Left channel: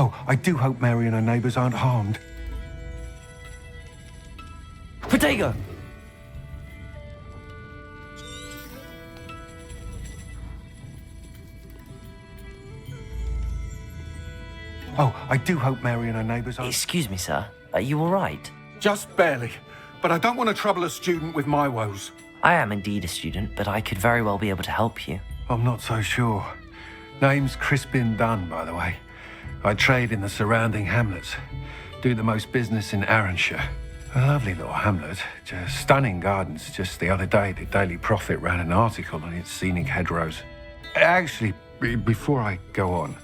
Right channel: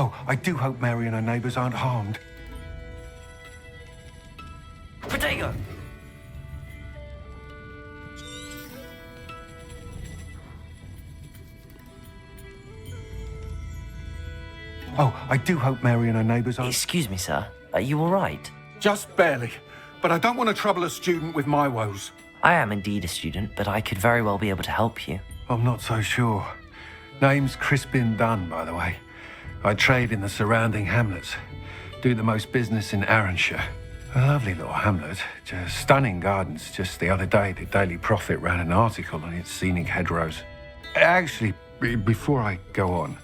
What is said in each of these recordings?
Oh, I do hope Mary and her neighbours aren't harmed. Protego! Oh, I do hope Mary and her neighbours aren't... Excuse me, sir. Are you all right? Just barely. But I don't want to trouble a student with my woes. I am indeed a student, but I could very well be able to help you. I'm not so sure. Name's Crispin Dunn, by the way. I trade in the surrounding hamlets. Do the most business in Arranshire. A lovely little hamlet. Just stunning gardens. Just the other day, the Daily Prophet ran an article on its scenic hedgerows. Actually, before I go on,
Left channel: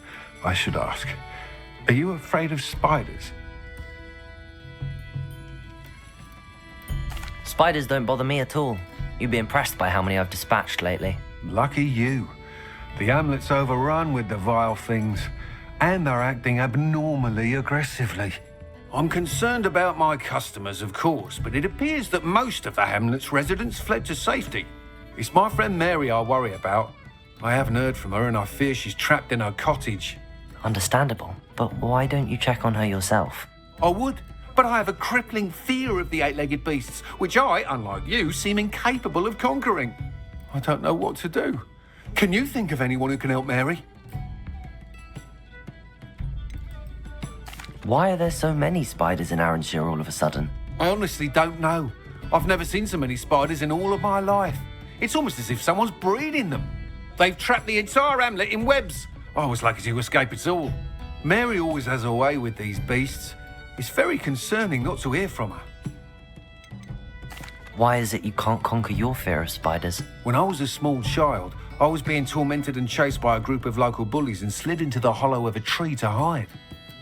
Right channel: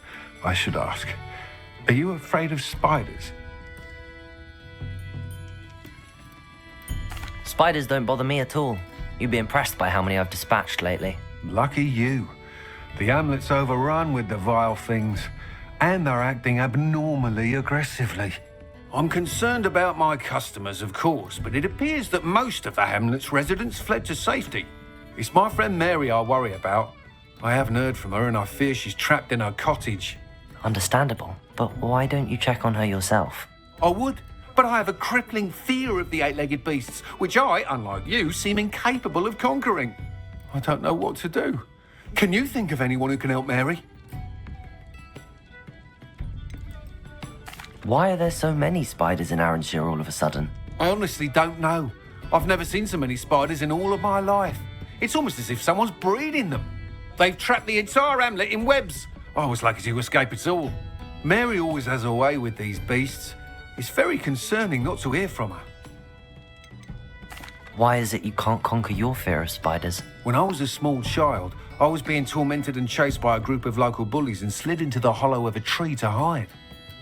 I should ask, are you afraid of spiders? Spiders don't bother me at all. You'd be impressed by how many I've dispatched lately. Lucky you. The hamlet's overrun with the vile things, and they're acting abnormally aggressively. I'm concerned about my customers, of course, but it appears that most of the hamlet's residents fled to safety. It's my friend Mary I worry about. I haven't heard from her, and I fear she's trapped in her cottage. Understandable, but why don't you check on her yourself? I would, but I have a crippling fear of the eight-legged beasts, which I, unlike you, seem incapable of conquering. I don't know what to do. Can you think of anyone who can help Mary? Why are there so many spiders in Arranshire all of a sudden? I honestly don't know. I've never seen so many spiders in all of my life. It's almost as if someone's breeding them. They've trapped the entire hamlet in webs. I was lucky to escape it all. Mary always has a way with these beasts. It's very concerning not to hear from her. Why is it you can't conquer your fear of spiders? When I was a small child, I was being tormented and chased by a group of local bullies and slid into the hollow of a tree to hide.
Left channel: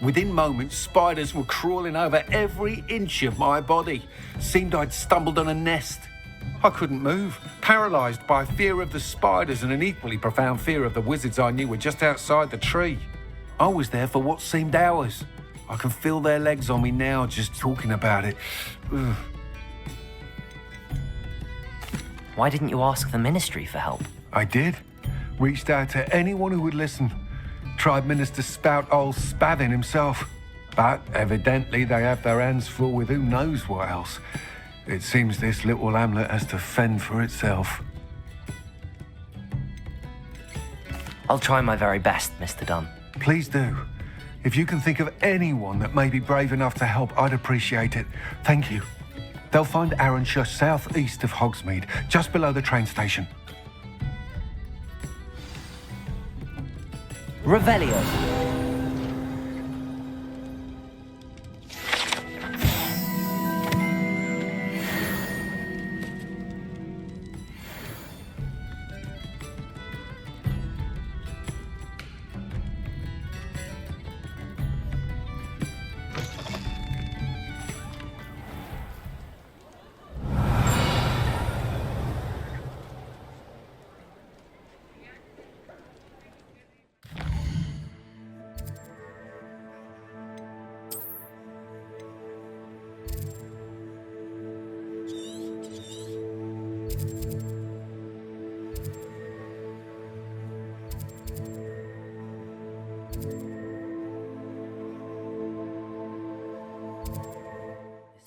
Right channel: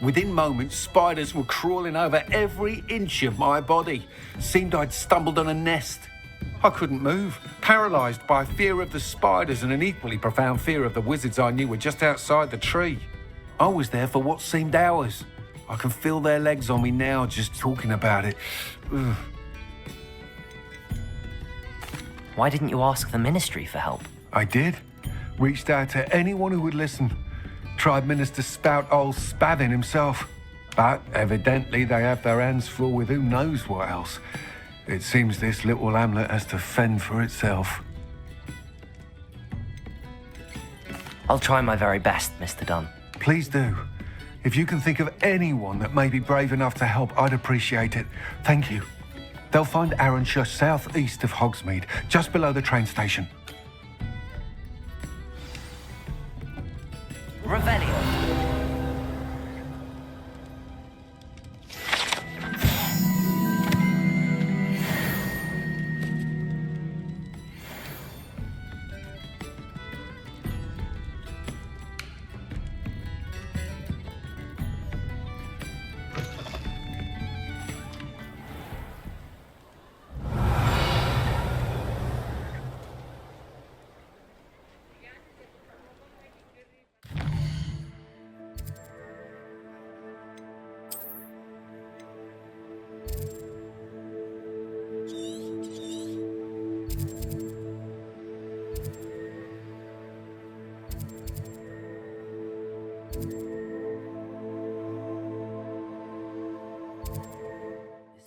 Within moments, spiders were crawling over every inch of my body. Seemed I'd stumbled on a nest. I couldn't move, paralysed by fear of the spiders and an equally profound fear of the wizards I knew were just outside the tree. I was there for what seemed hours. I can feel their legs on me now just talking about it. Ugh. Why didn't you ask the ministry for help? I did. Reached out to anyone who would listen. Tried Minister Spout old Spavin himself. But evidently they have their hands full with who knows what else. It seems this little hamlet has to fend for itself. I'll try my very best, Mr. Dunn. Please do. If you can think of anyone that may be brave enough to help, I'd appreciate it. Thank you. They'll find Arranshire southeast of Hogsmeade, just below the train station. Revelio.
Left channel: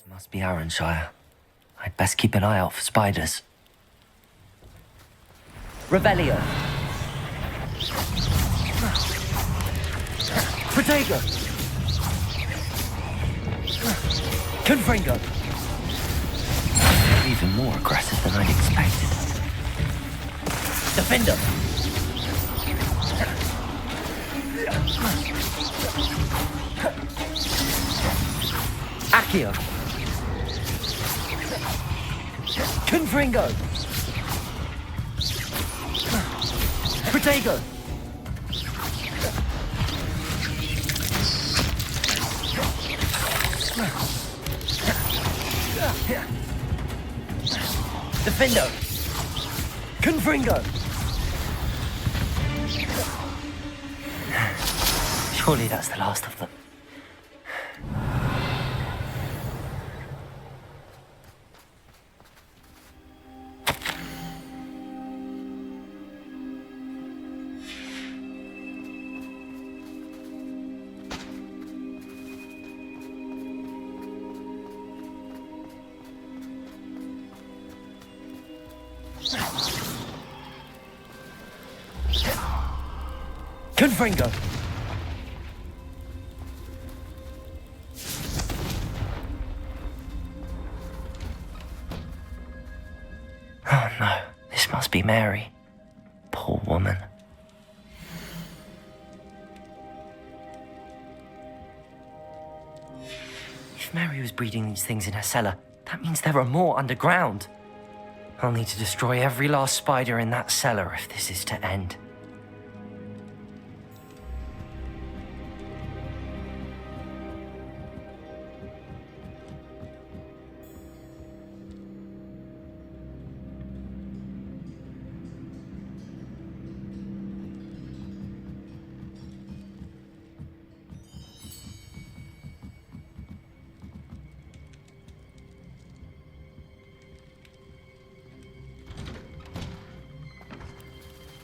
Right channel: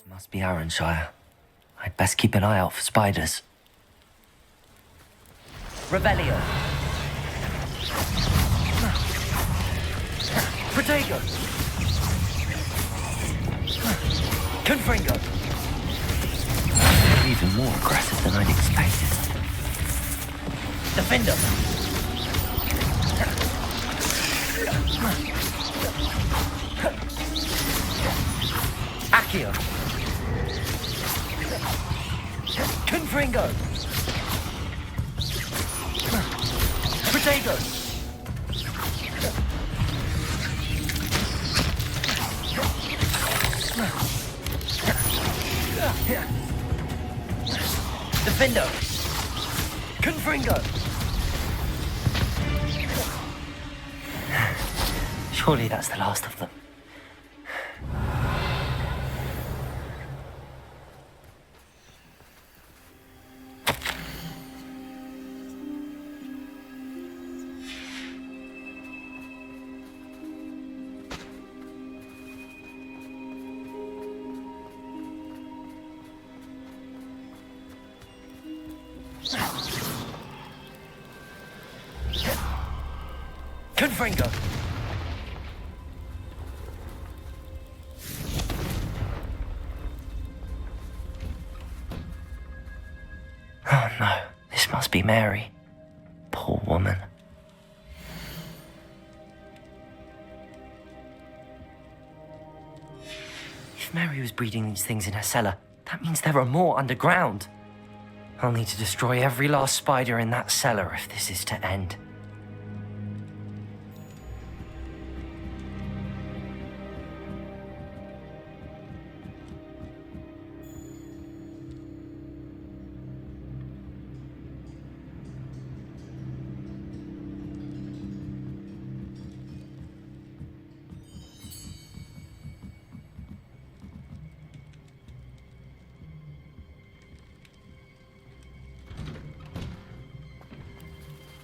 Must be Arranshire. I'd best keep an eye out for spiders. Revelio. Protego. Confringo. They're even more aggressive than I'd expected. Defender. Accio. Confringo! Protego! Defendo! Confringo! Surely that's the last of them. Confringo! Oh no, this must be Mary. Poor woman. If Mary was breeding these things in her cellar, that means there are more underground. I'll need to destroy every last spider in that cellar if this is to end.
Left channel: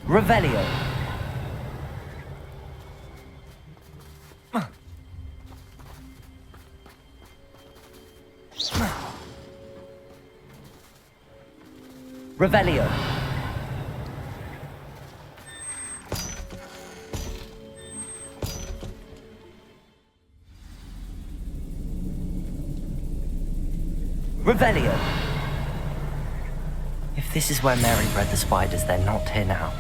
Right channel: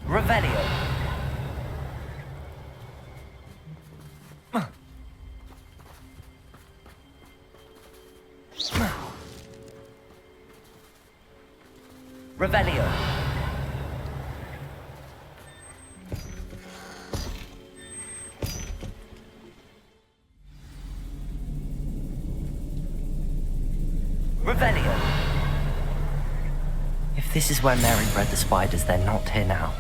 Revelio. Revelio. Revelio. If this is where Mary bred the spiders, they're not here now.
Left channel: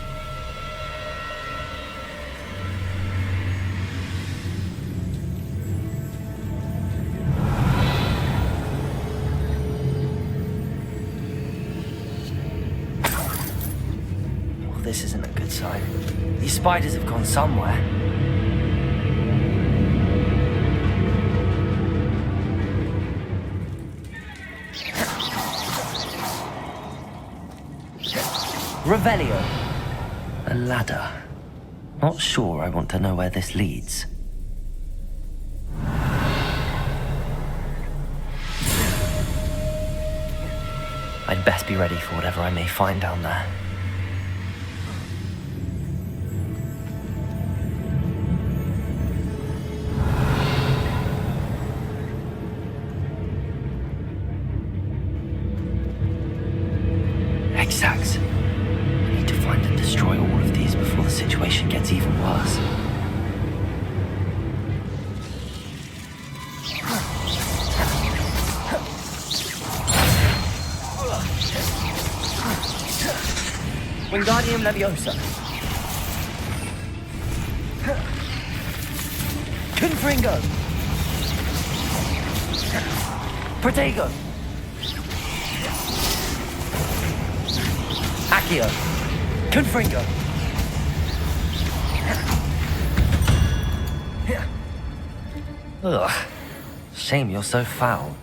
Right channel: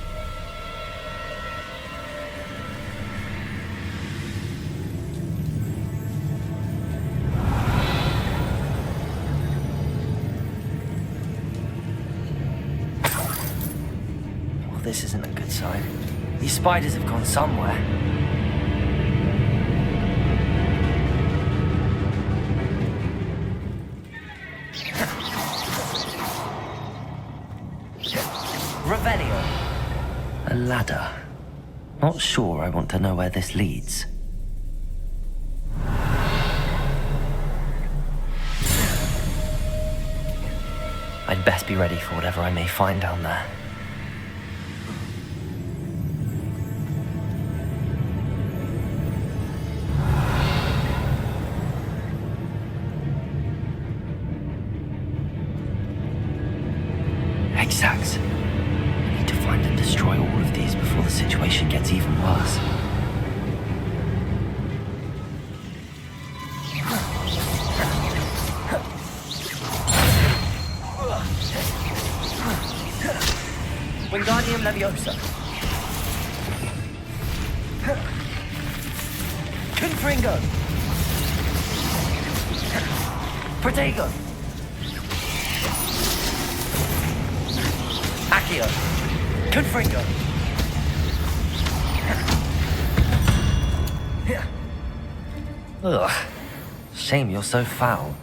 This isn't a good sign. These spiders have gone somewhere. Revelio. A ladder. Not sure I want to know where this leads. I'd best be ready for whatever I may find down there. Exact. I need to find and destroy all of these before the situation gets even worse. Wingardium Leviosa. Confringo. Protego. Accio. Confringo. Ugh. Shame you're so foul.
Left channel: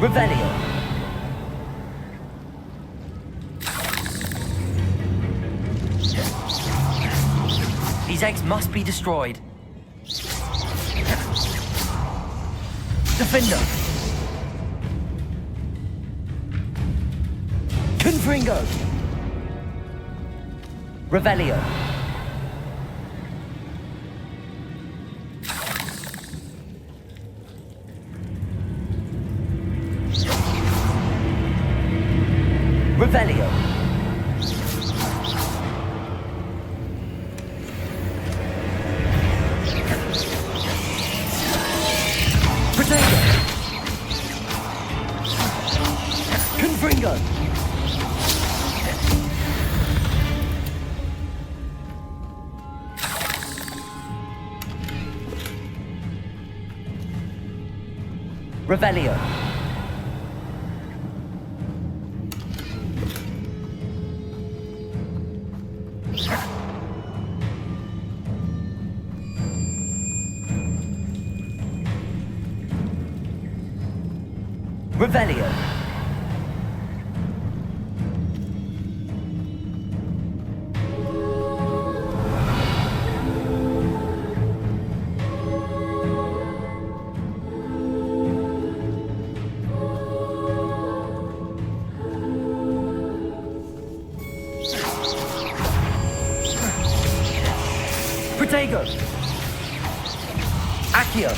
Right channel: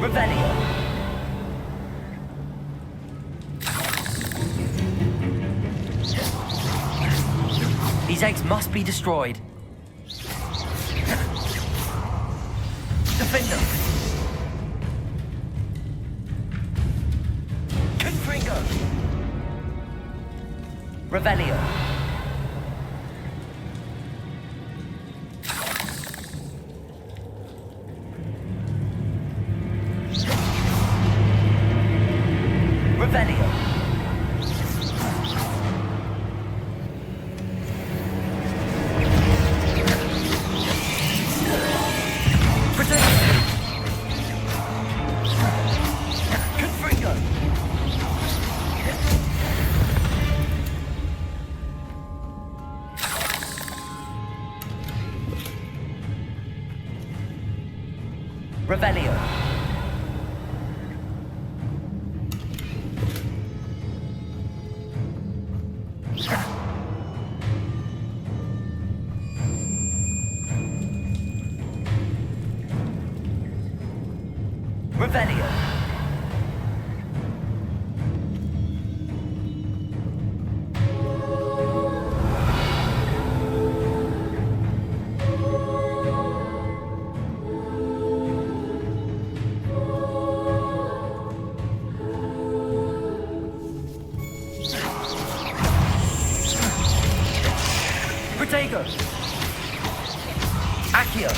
Revelio. These eggs must be destroyed. Defender. Confringo. Revelio. Revelio. Protego. Confringo. Revelio. Revelio. Protego. Accio.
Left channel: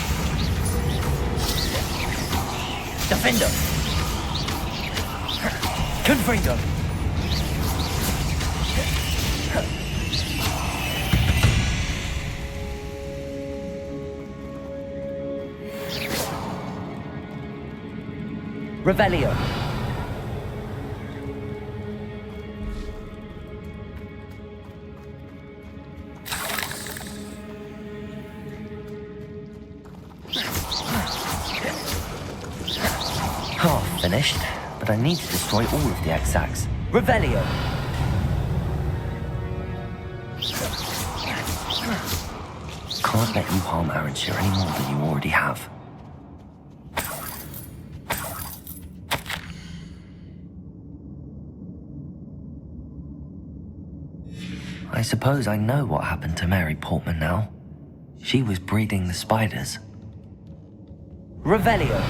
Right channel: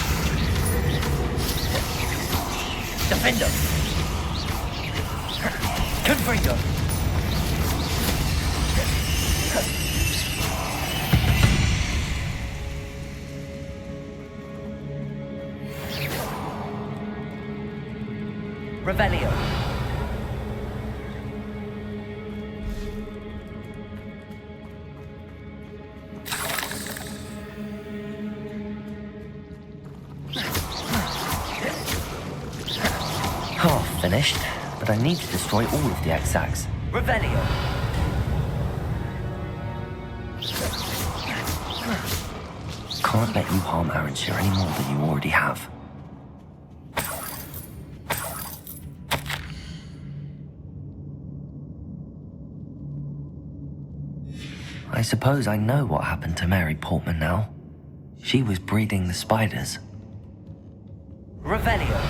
Defender. Confringo. Revelio. Half finished, but I need to destroy all of the exacts. Revelio. Can't let you harm Aranshir any more than you already have. I suppose I know what happened to Mary Portman now. She was breeding the spiders. Revelio.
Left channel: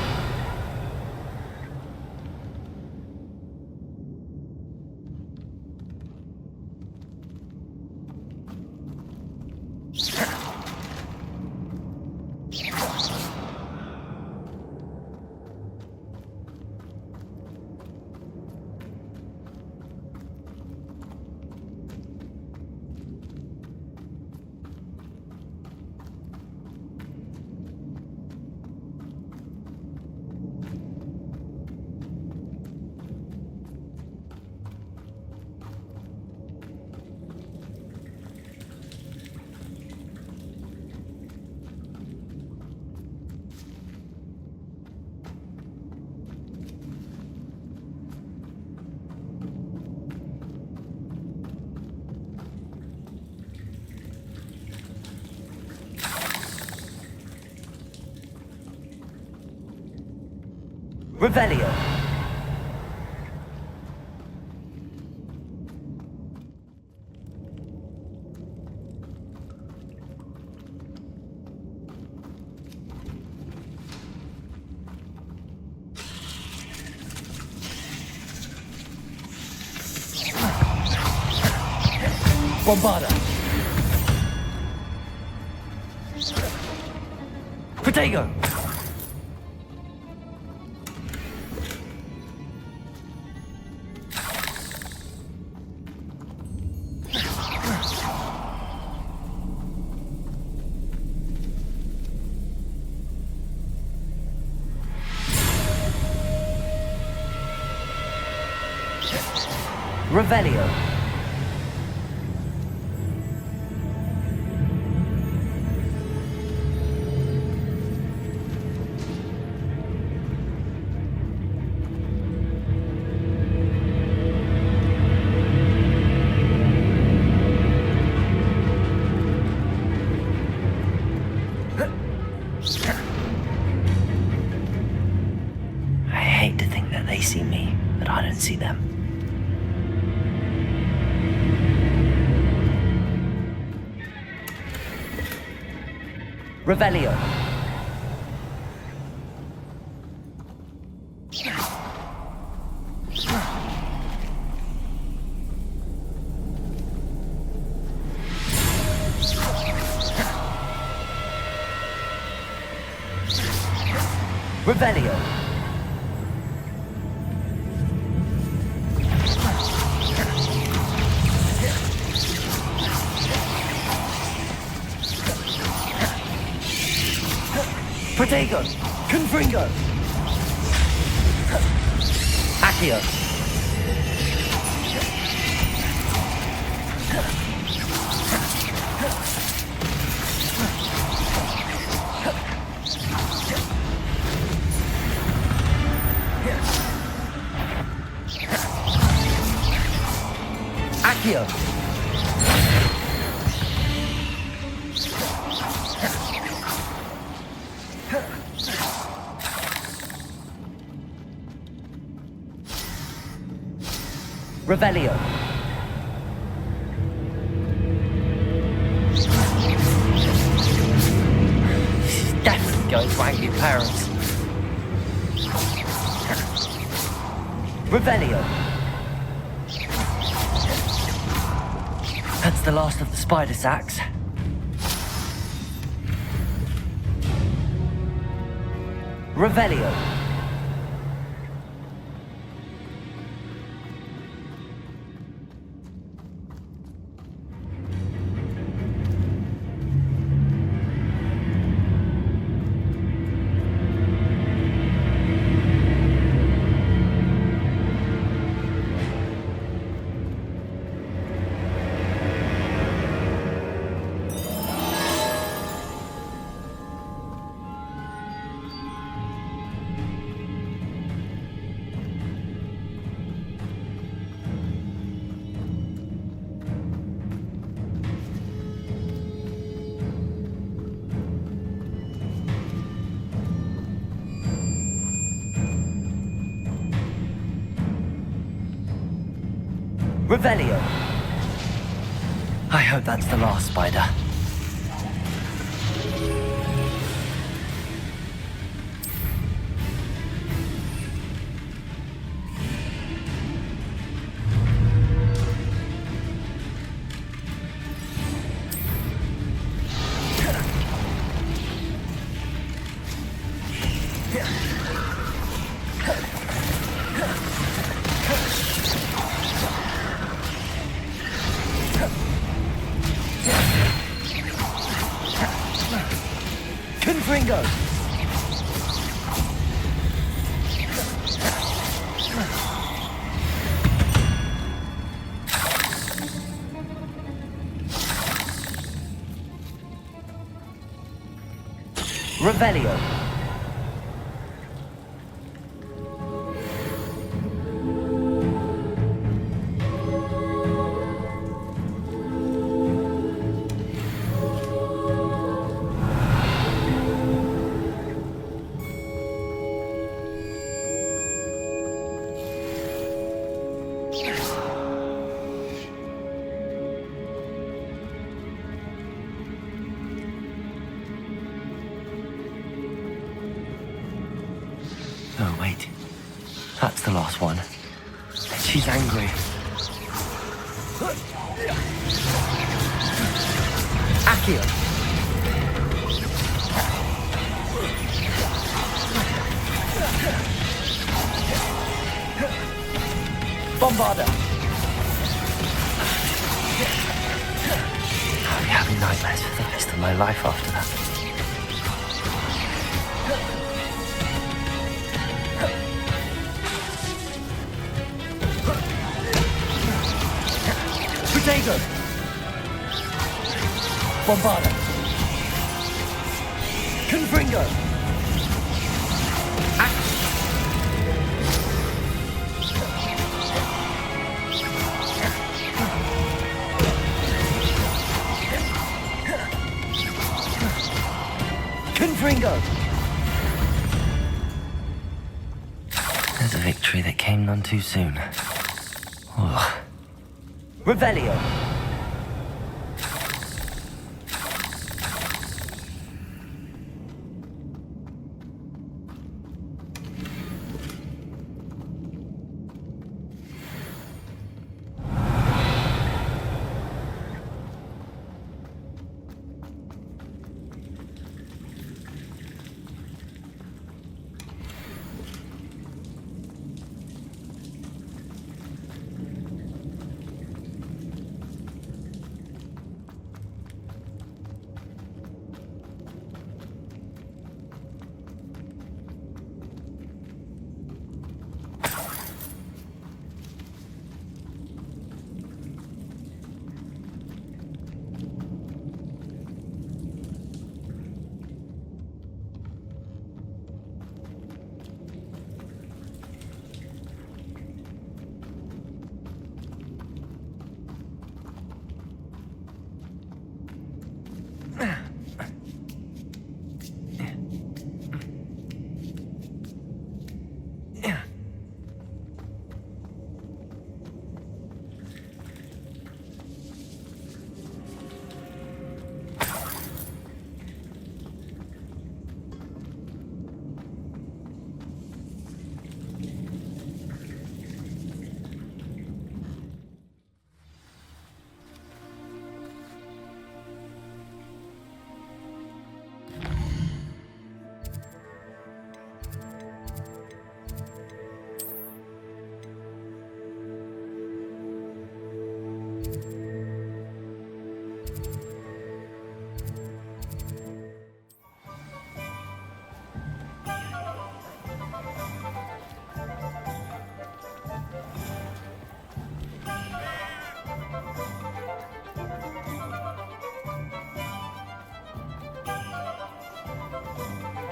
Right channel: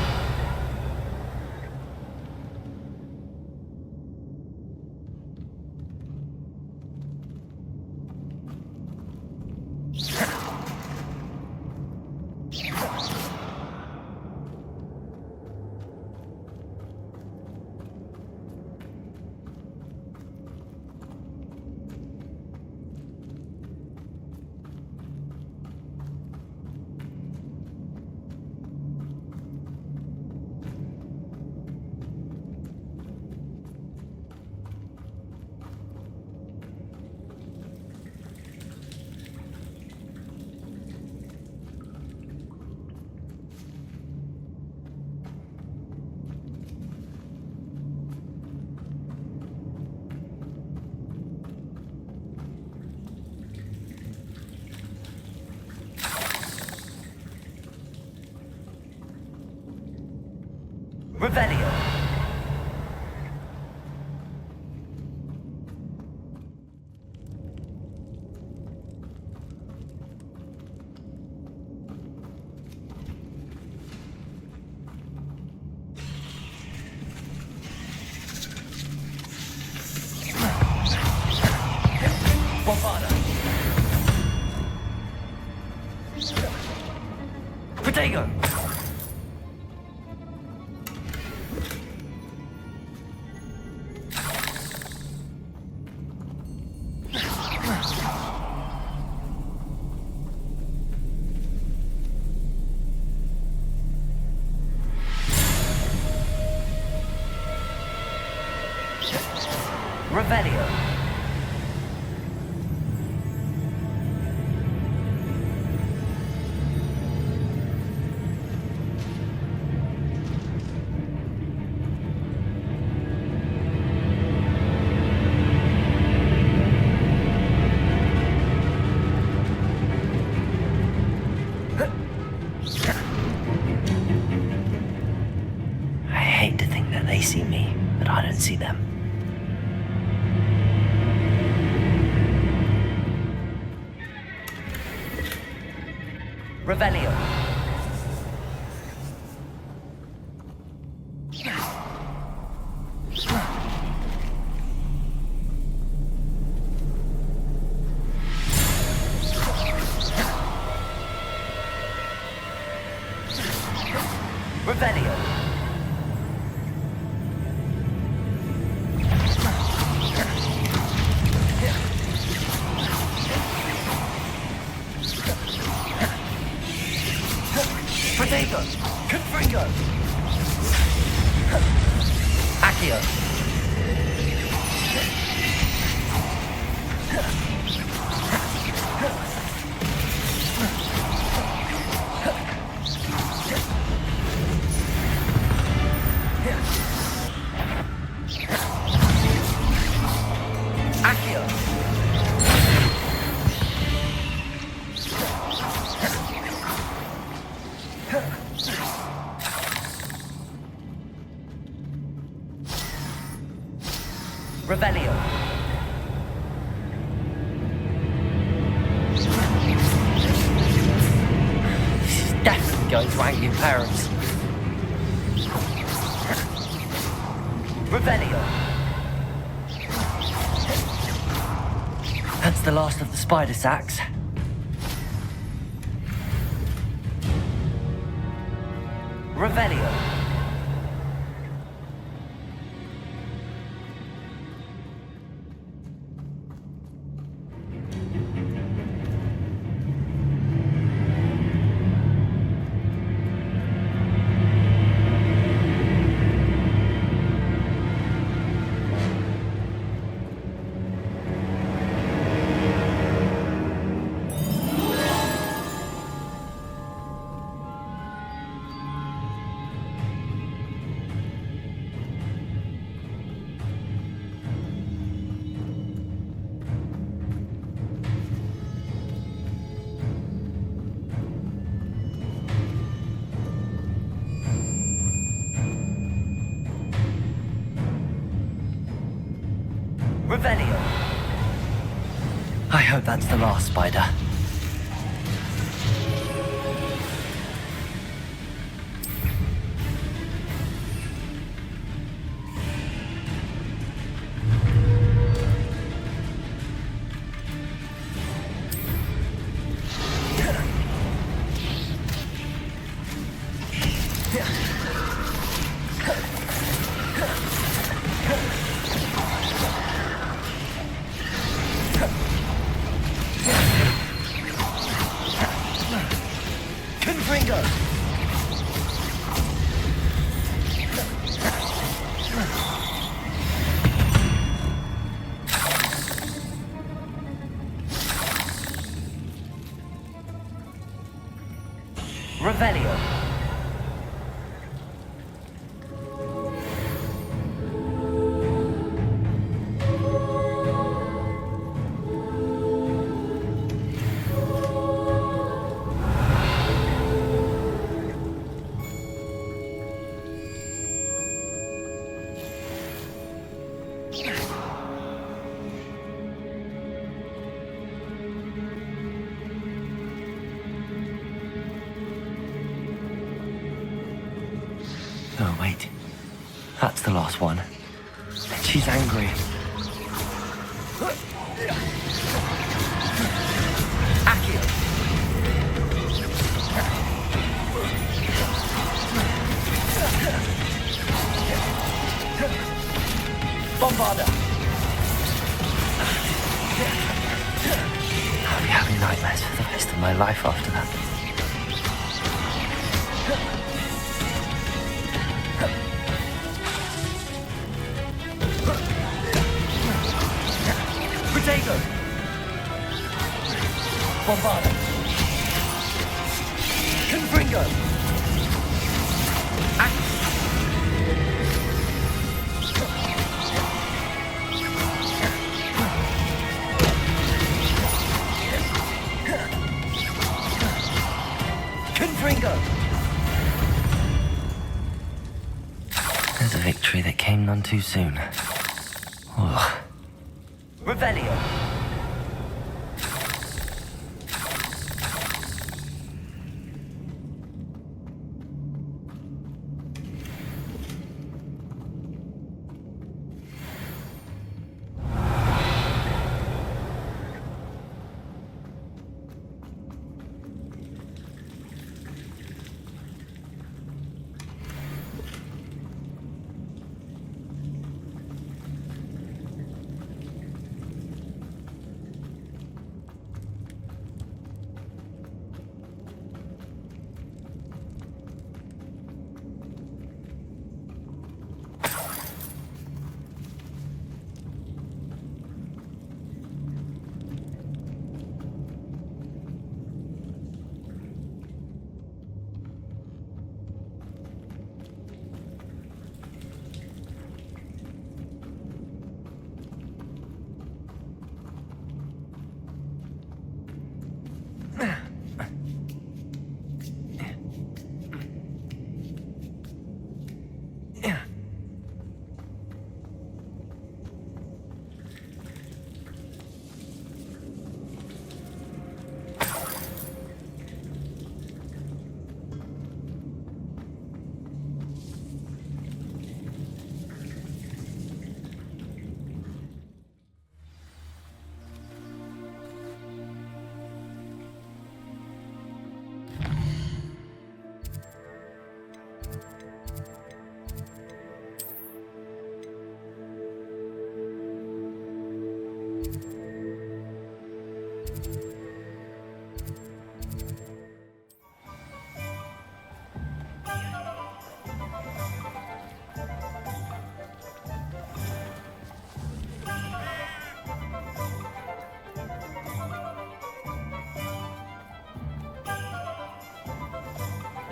Revelio. Bombarda. Protego. Revelio. I hate to think that they see me, but I don't see them. Revelio. Revelio. Protego. Confringo. Accio. Accio. Revelio. She's definitely going to angry parents. Revelio. That's the last of the spider sacks. Revelio. Revelio. I hope that's the last spider. Confringo! Revelio. Oh, wait. That's the last one. She's angry. Accio. Bombarda. I'll be having nightmares for the rest of my life after that. Protego! Bombarda! Confringo! Confringo! There's a victory that came none too soon. Oh. Revelio.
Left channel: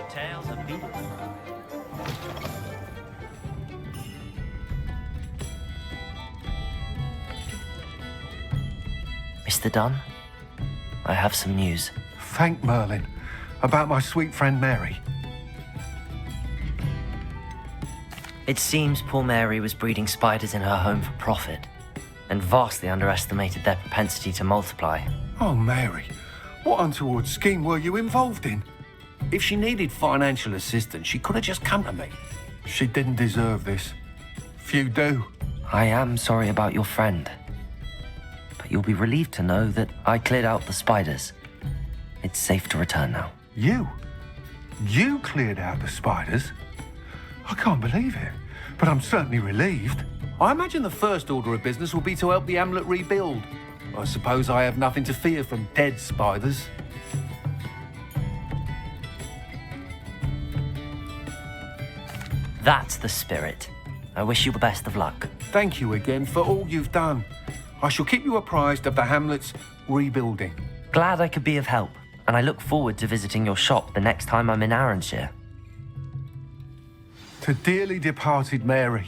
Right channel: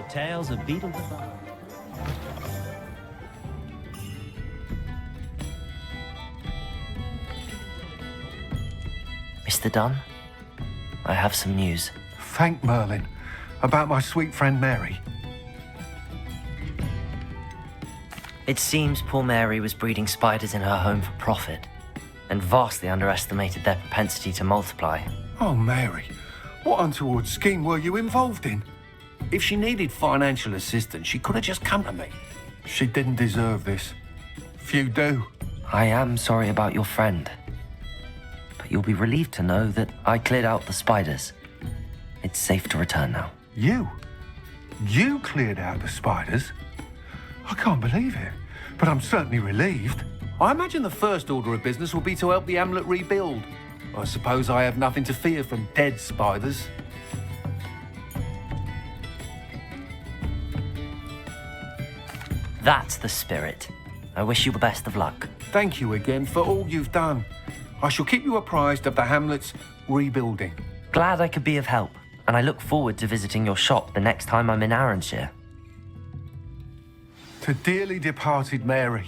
Tales of Beetles and Bars. Mr. Dunn, I have some news. Thank Merlin. About my sweet friend Mary. It seems poor Mary was breeding spiders in her home for profit. and vastly underestimated their propensity to multiply. Oh, Mary, what untoward scheme were you involved in? If she needed financial assistance, she could have just come to me. She didn't deserve this. Few do. I am sorry about your friend, but you'll be relieved to know that I cleared out the spiders. It's safe to return now. You? You cleared out the spiders? I can't believe it, but I'm certainly relieved. I imagine the first order of business will be to help the amulet rebuild. I suppose I have nothing to fear from dead spiders. That's the spirit. I wish you the best of luck. Thank you again for all you've done. I shall keep you apprised of the hamlet's rebuilding. Glad I could be of help, and I look forward to visiting your shop the next time I'm in Arranshire. To dearly departed Mary.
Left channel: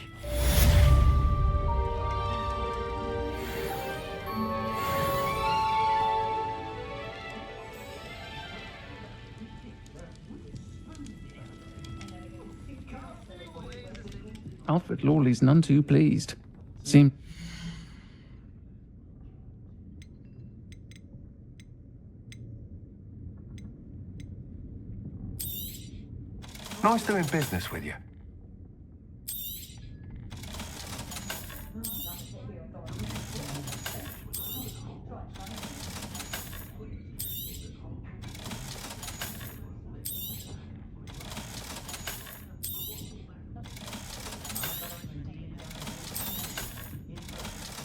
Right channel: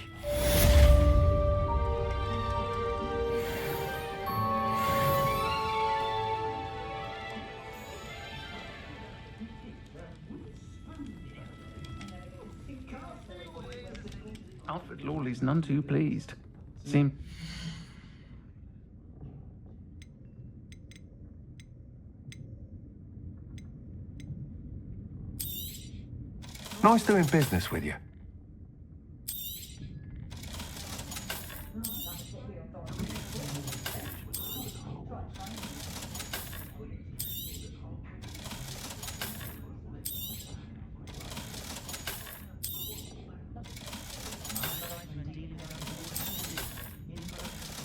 Alfred Lawley's none too pleased. Nice doing business with you.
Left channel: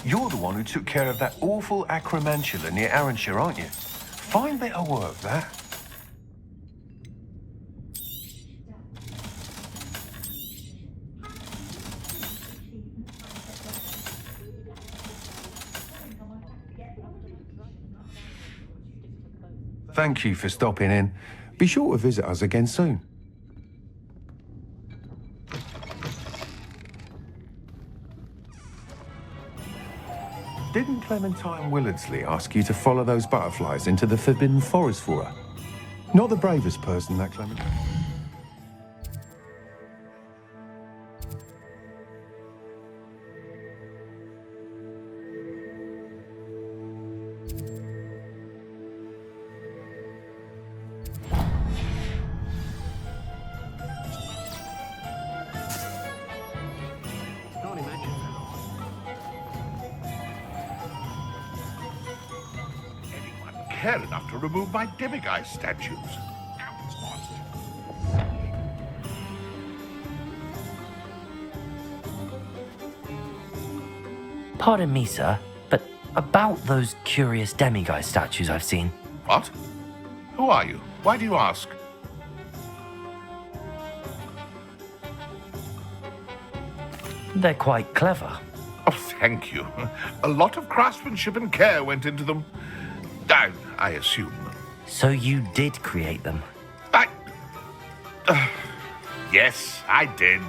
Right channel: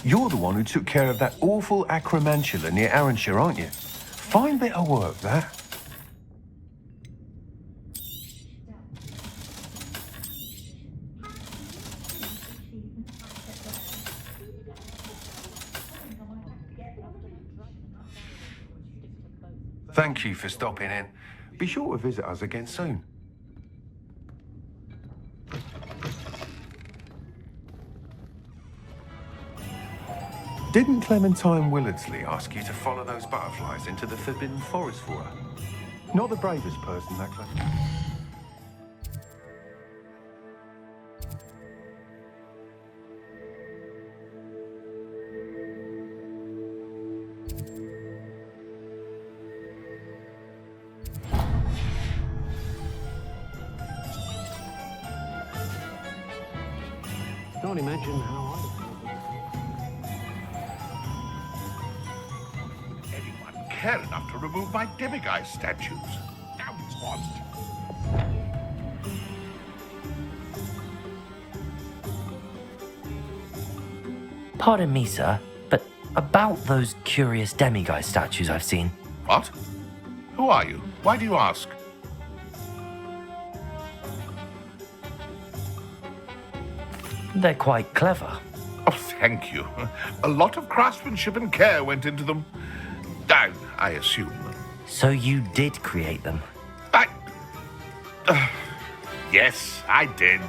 You're the one who took care of that awful acromantula near Arranshire, aren't you? Fine bit of work, that. Thank you for stopping in. Be sure to visit us again soon. Didn't Clementine Willardsley ask you to follow those butterflies into the Forbidden Forest for her? Not the bravest person, that Clementine. Don't imagine how anyone care enough to remove my demiguise statues? Now it's on. Pardon me, sir, but about those curious demiguise statues I've seen. What? Who are you? Why do you ask? They're quite clever. Oh, thank you. A lot of craftsmanship and care went into them. I assume. So you did create them? Yes, I did.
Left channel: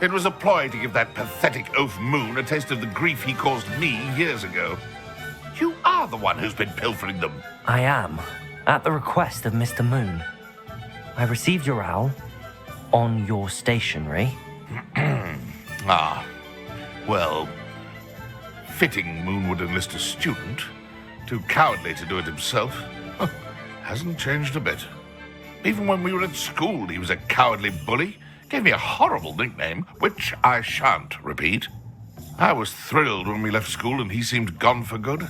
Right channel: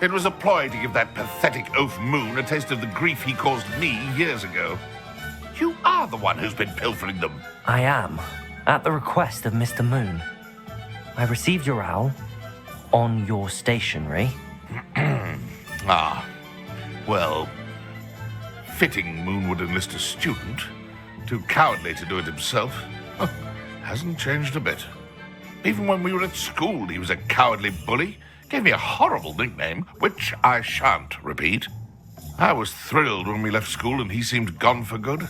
It was a ploy to give that pathetic oaf Moon a taste of the grief he caused me years ago. You are the one who's been pilfering them. I am, at the request of Mr. Moon. I received your owl on your stationery. Ah, well, fitting Moon would enlist a student. Too cowardly to do it himself. Hasn't changed a bit. Even when we were at school, he was a cowardly bully. Gave me a horrible nickname, which I shan't repeat. I was thrilled when we left school and he seemed gone for good.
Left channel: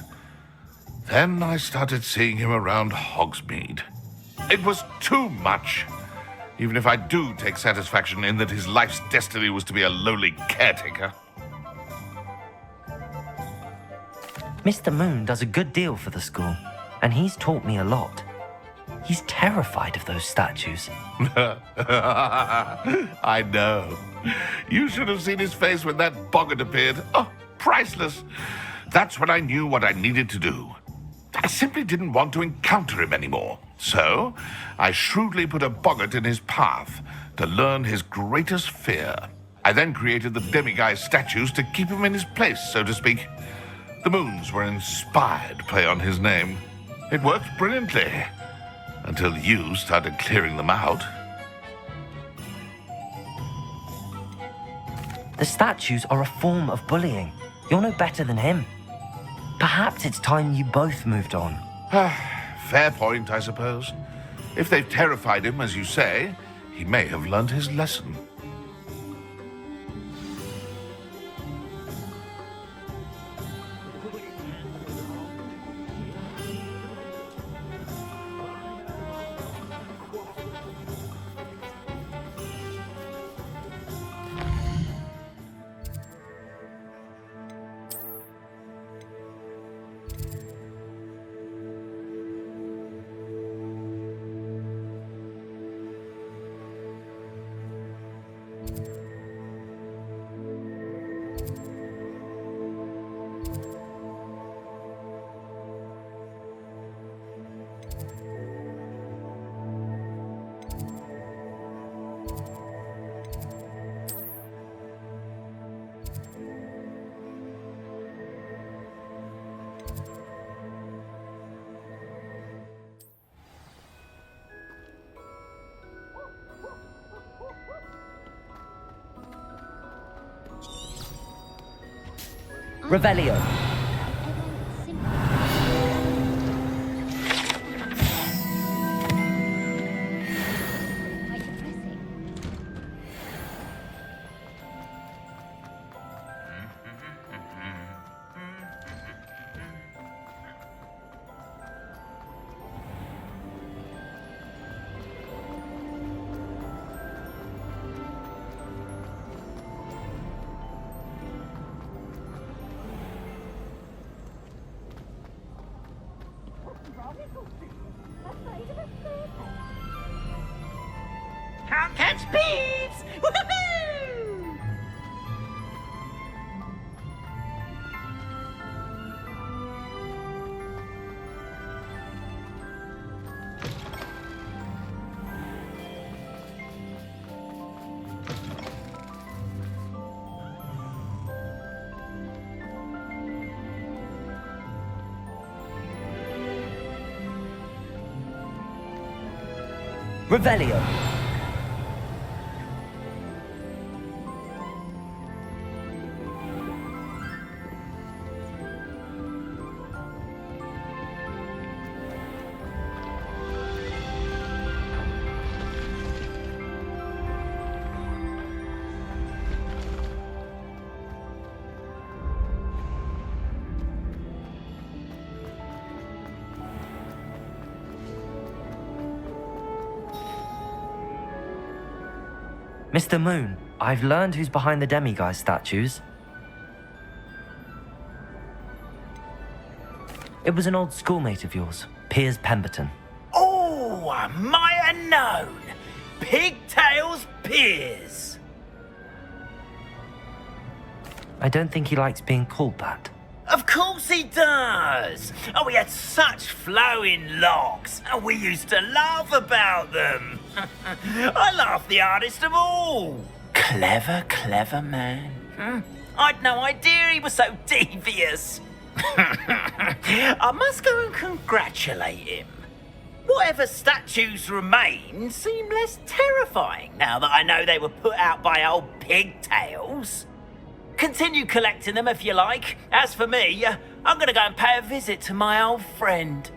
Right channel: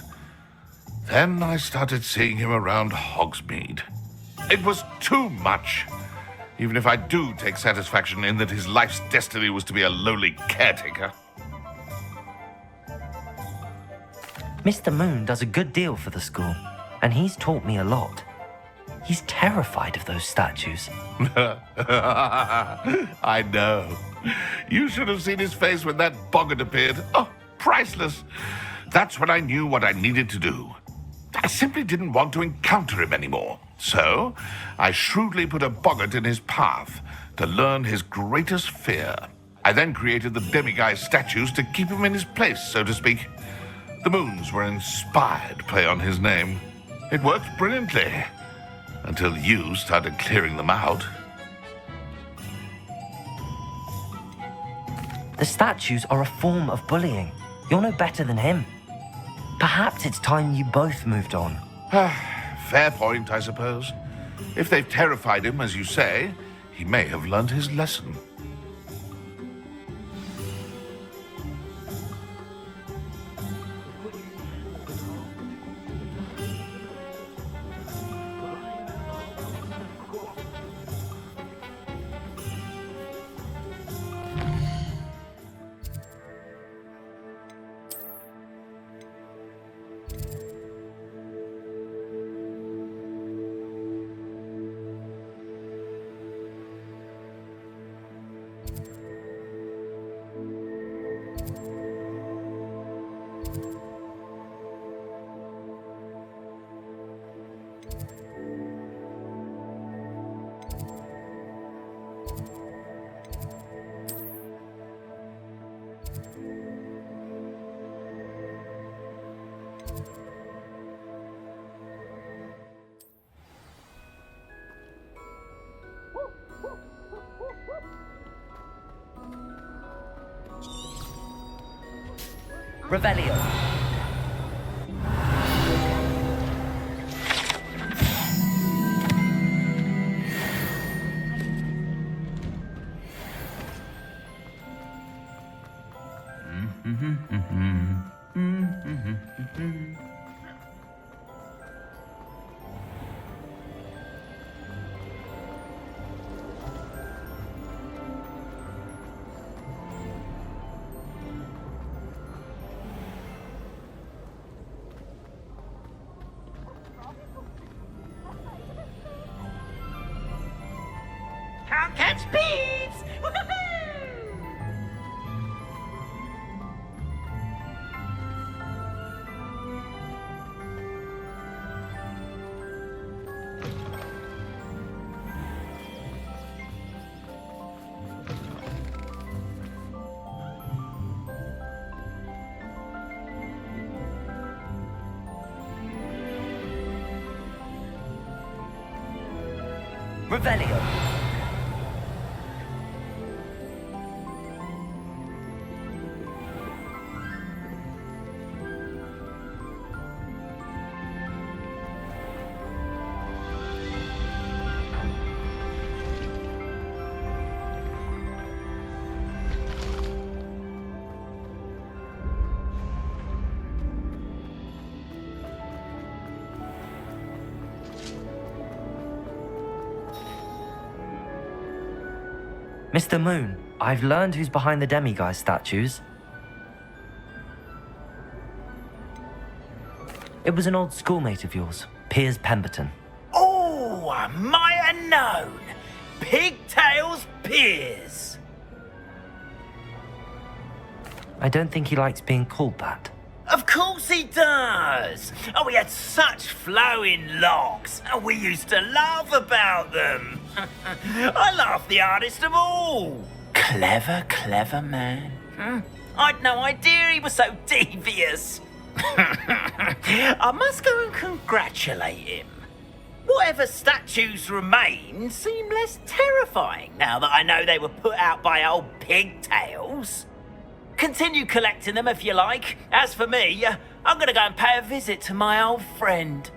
Then I started seeing him around Hogsmeade. It was too much. Even if I do take satisfaction in that his life's destiny was to be a lowly caretaker. Mr. Moon does a good deal for the school, and he's taught me a lot. He's terrified of those statues. I know. You should have seen his face when that boggart appeared. Oh, priceless. That's when I knew what I needed to do. I simply didn't want to encounter him anymore. So, I shrewdly put a boggart in his path to learn his greatest fear. I then created the demiguise statues to keep him in his place, so to speak. The Moons were an inspired play on his name. It worked brilliantly. Until you started clearing them out. The statues are a form of bullying. You're no better than him. Perhaps it's time you both moved on. Fair point, I suppose. If they've terrified him, as you say, he may have learned his lesson. Revelio. Can't catch beats! Revelio. Mr. Moon, I've learned who's behind the demiguise statues. It was an old schoolmate of yours, Piers Pemberton. Oh, I might have known. Pigtails Piers. I don't think he likes being called that. Of course he does. Oh, he had such flowing locks, and we used to laugh about them. I laughed the hardest of all. Clever, clever man. I'd no idea he was so devious. I must go and congratulate him. Whatever statues remain seem less terrifying now that I know they were put out by old pigtails. Continue collecting them if you like. As for me, I'm gonna go and pay a visit to my old friend.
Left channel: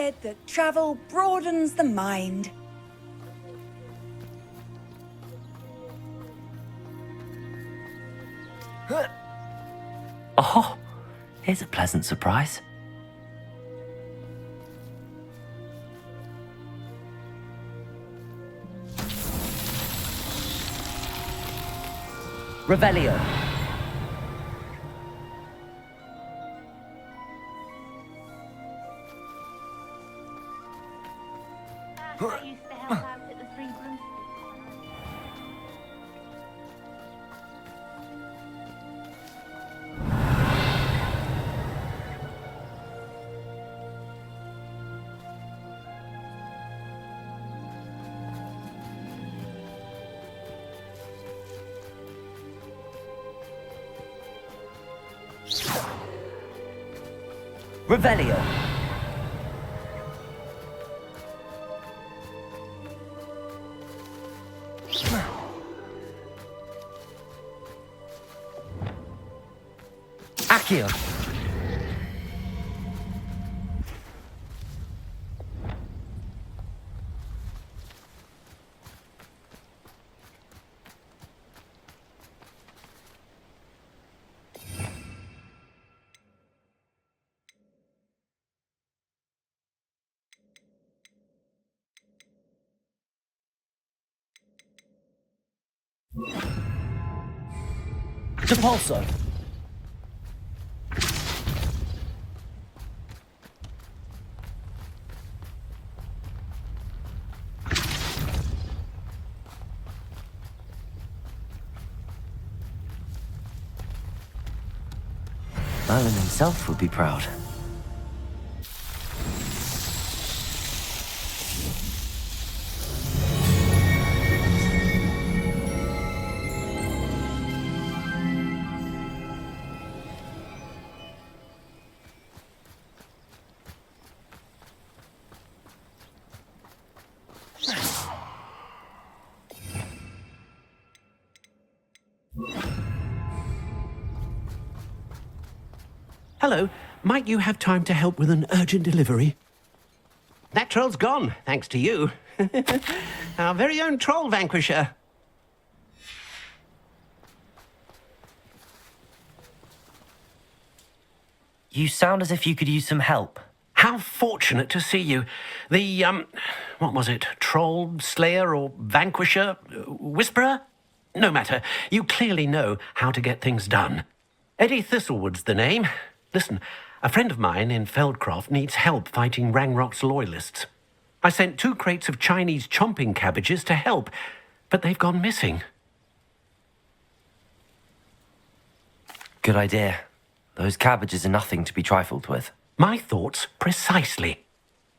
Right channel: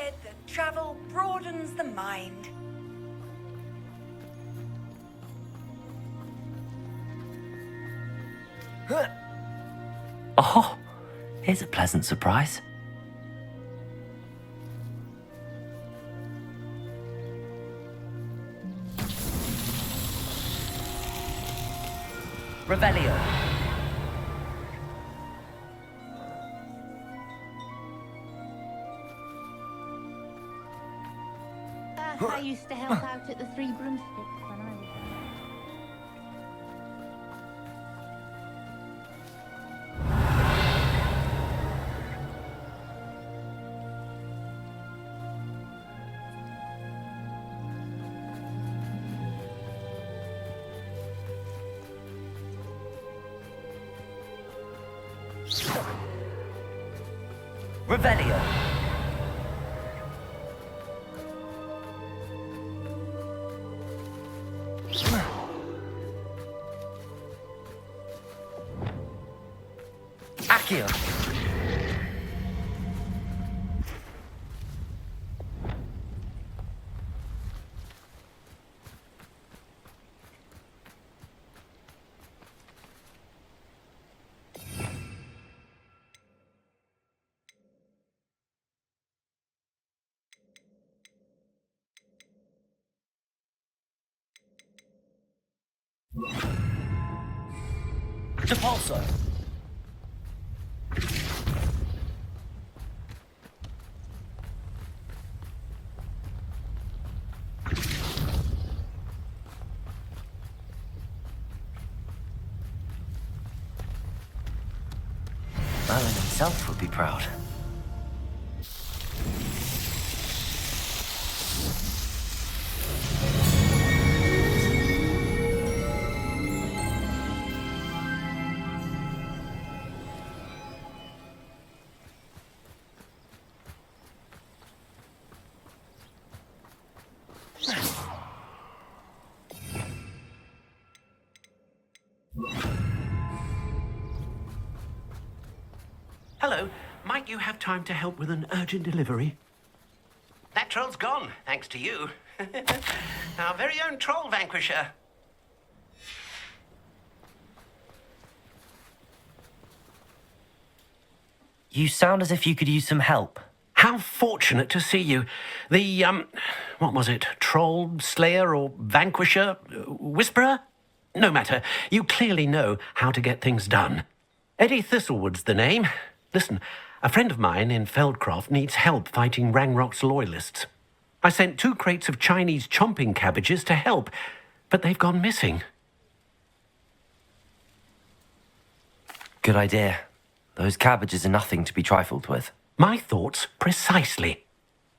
said that travel broadens the mind. Oh, here's a pleasant surprise. Revelio. I used to help out at the Three Broomsticks when I was... Revelio. Accio. Depulso. Merlin himself would be proud. Hello. Might you have time to help with an urgent delivery? That troll's gone, thanks to you. Our very own troll vanquisher. You sound as if you could use some help. How fortunate to see you. The, what was it? Troll, slayer, or vanquisher? Whisperer? No matter. You clearly know how to get things done. Eddie Thistlewood's the name. Listen, a friend of mine in Feldcroft needs help fighting Rangrock's loyalists. I sent 2 crates of Chinese chomping cabbages to help, but they've gone missing. Good idea. Those cabbages are nothing to be trifled with. My thoughts precisely.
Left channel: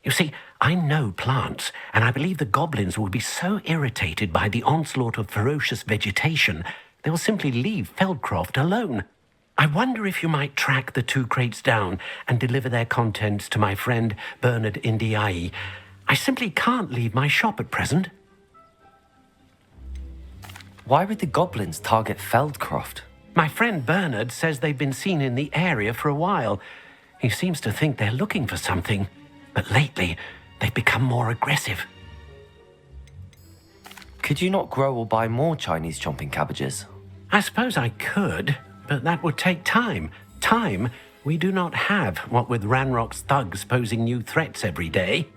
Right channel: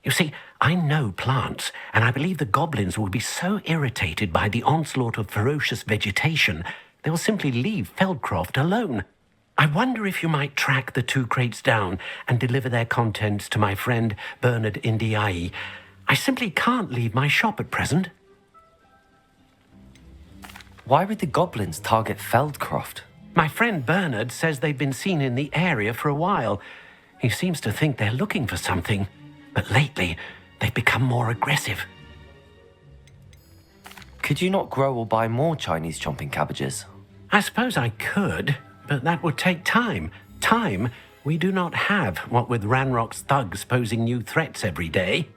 You see, I know plants, and I believe the goblins will be so irritated by the onslaught of ferocious vegetation, they will simply leave Feldcroft alone. I wonder if you might track the 2 crates down and deliver their contents to my friend Bernard Indiai. I simply can't leave my shop at present. Why would the goblins target Feldcroft? My friend Bernard says they've been seen in the area for a while. He seems to think they're looking for something, but lately they've become more aggressive. Could you not grow or buy more Chinese chomping cabbages? I suppose I could, but that would take time. Time we do not have, what with Ranrock's thugs posing new threats every day.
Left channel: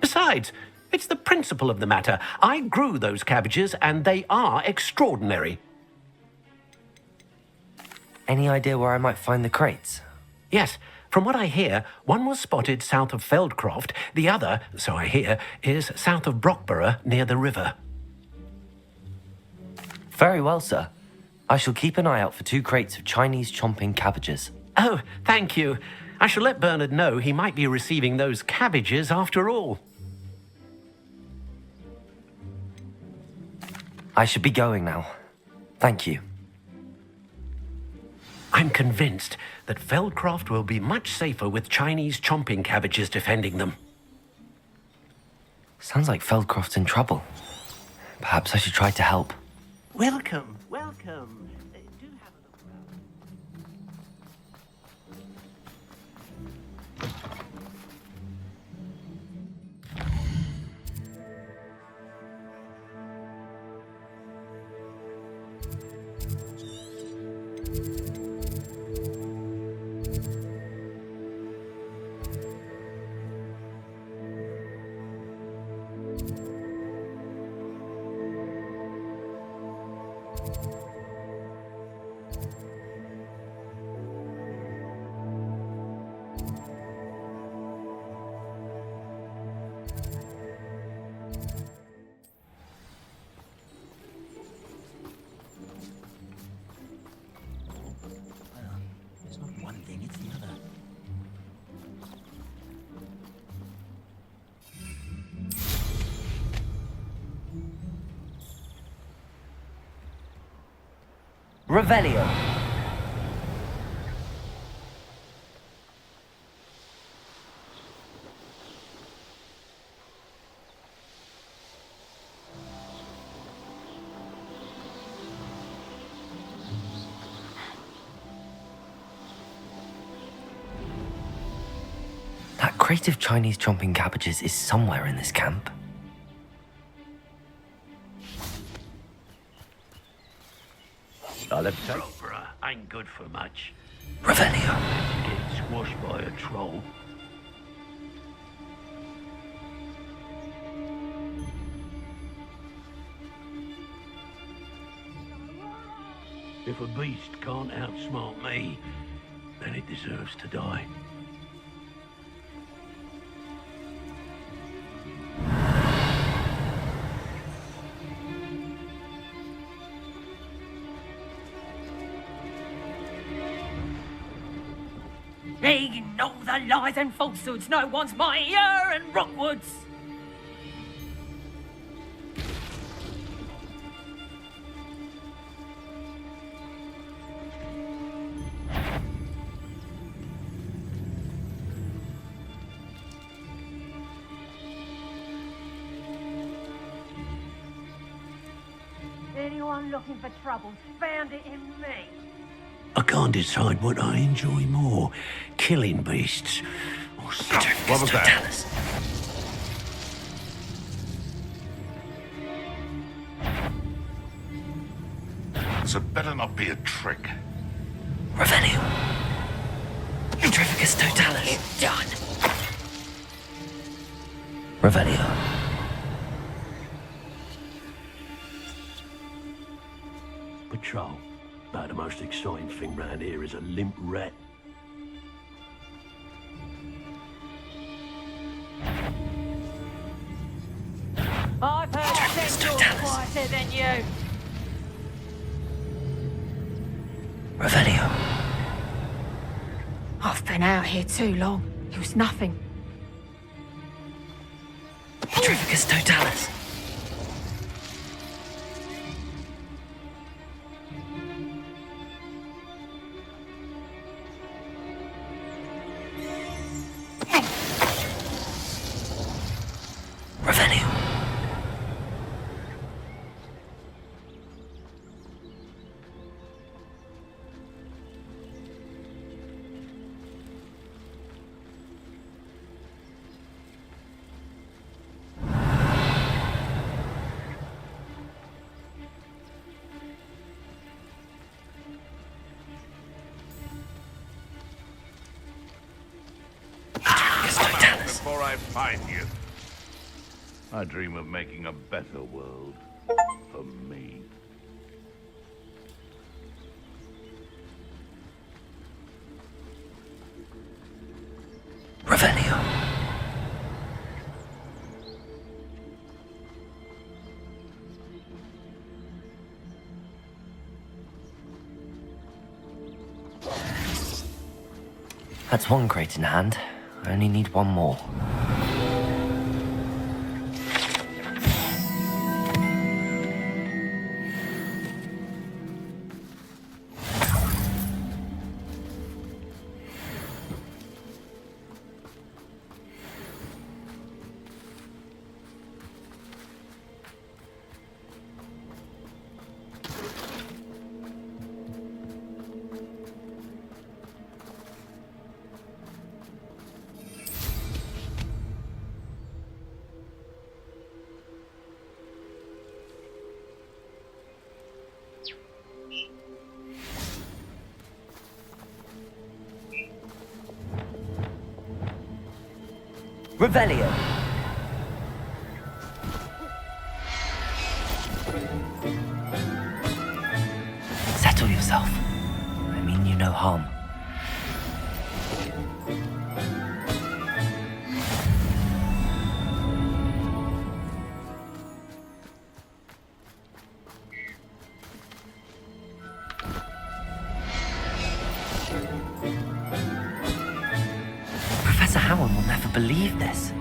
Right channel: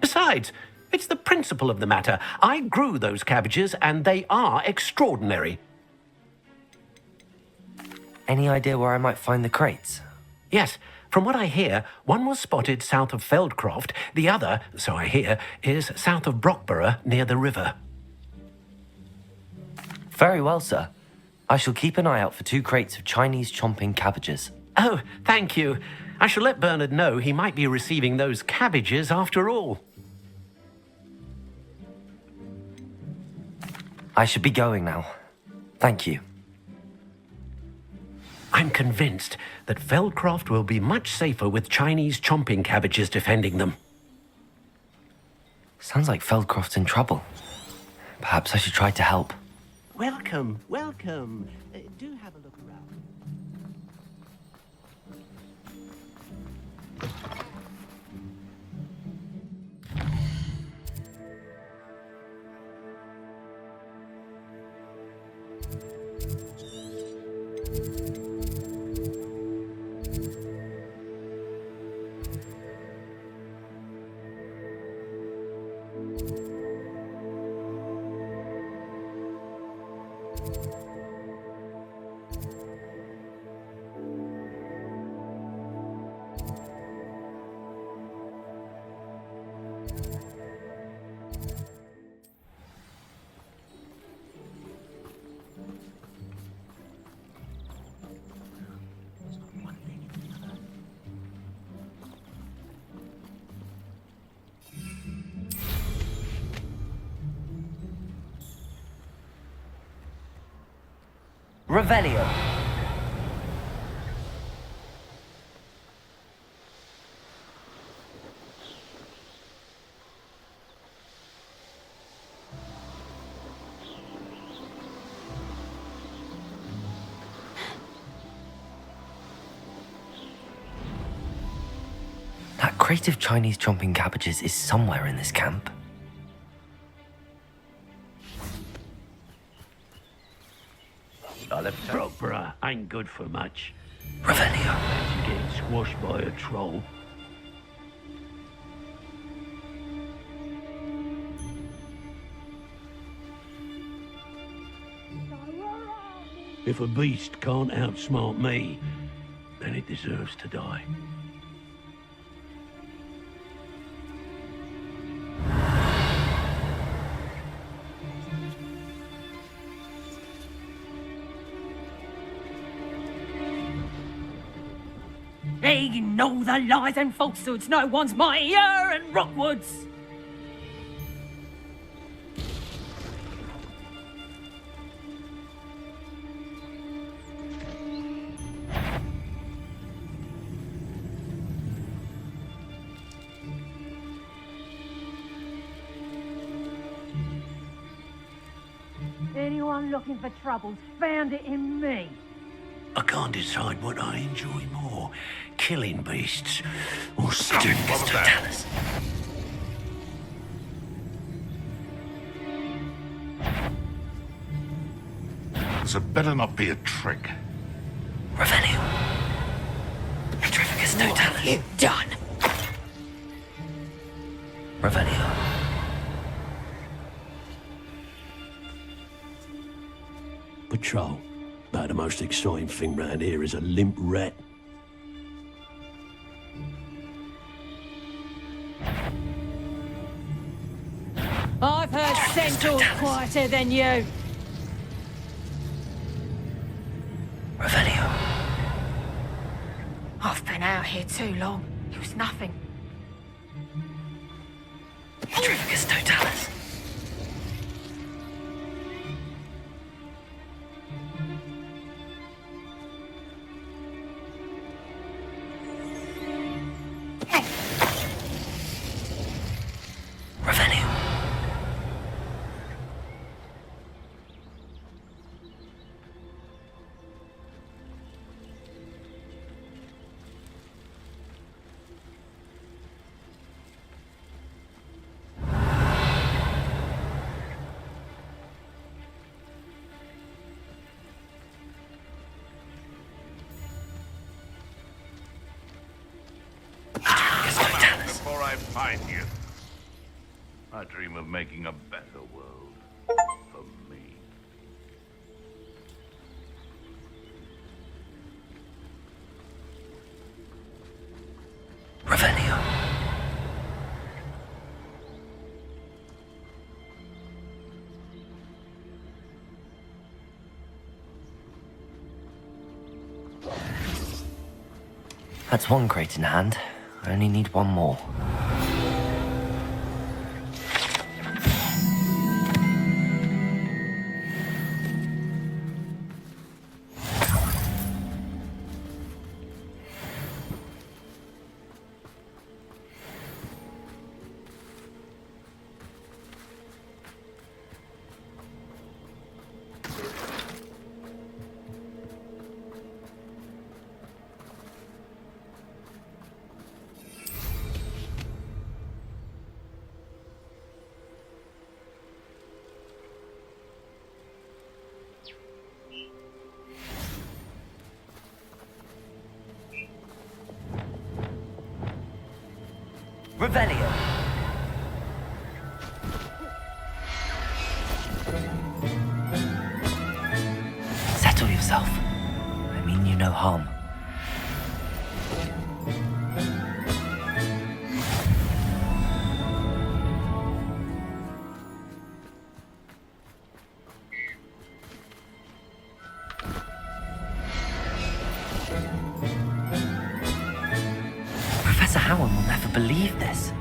Besides, it's the principle of the matter. I grew those cabbages, and they are extraordinary. Any idea where I might find the crates? Yes, from what I hear, one was spotted south of Feldcroft, the other, so I hear, is south of Brockborough near the river. Very well, sir. I shall keep an eye out for 2 crates of Chinese chomping cabbages. Oh, thank you. I shall let Bernard know he might be receiving those cabbages after all. I should be going now. Thank you. I'm convinced that Feldcroft will be much safer with Chinese chomping cabbages defending them. Sounds like Feldcroft's in trouble. Perhaps I should try to help. Welcome, welcome. Do have a look around. Revelio. That crate of Chinese chomping cabbages is somewhere in this camp. Opera ain't good for much. Revelio. You get squashed by a troll. If a beast can't outsmart me, then it deserves to die. Ignore the lies and falsehoods. No one's mightier in Rockwoods. Anyone looking for troubles found it in me. I can't decide what I enjoy more, killing beasts or sitting. What was that? This had better not be a trick. Revelio. Petrificus totalis. You done. Revelio. Patrol. About the most exciting thing round here is a limp rat. I've heard Central quieter than you. Revelio. I've been out here too long. It was nothing. Petrificus totalis. Revelio. Before I find you, I dream of making a better world for me. Revelio. That's one crate in hand. I only need one more. Revelio. Settle yourself. I mean you no harm. Professor Howard will never believe this.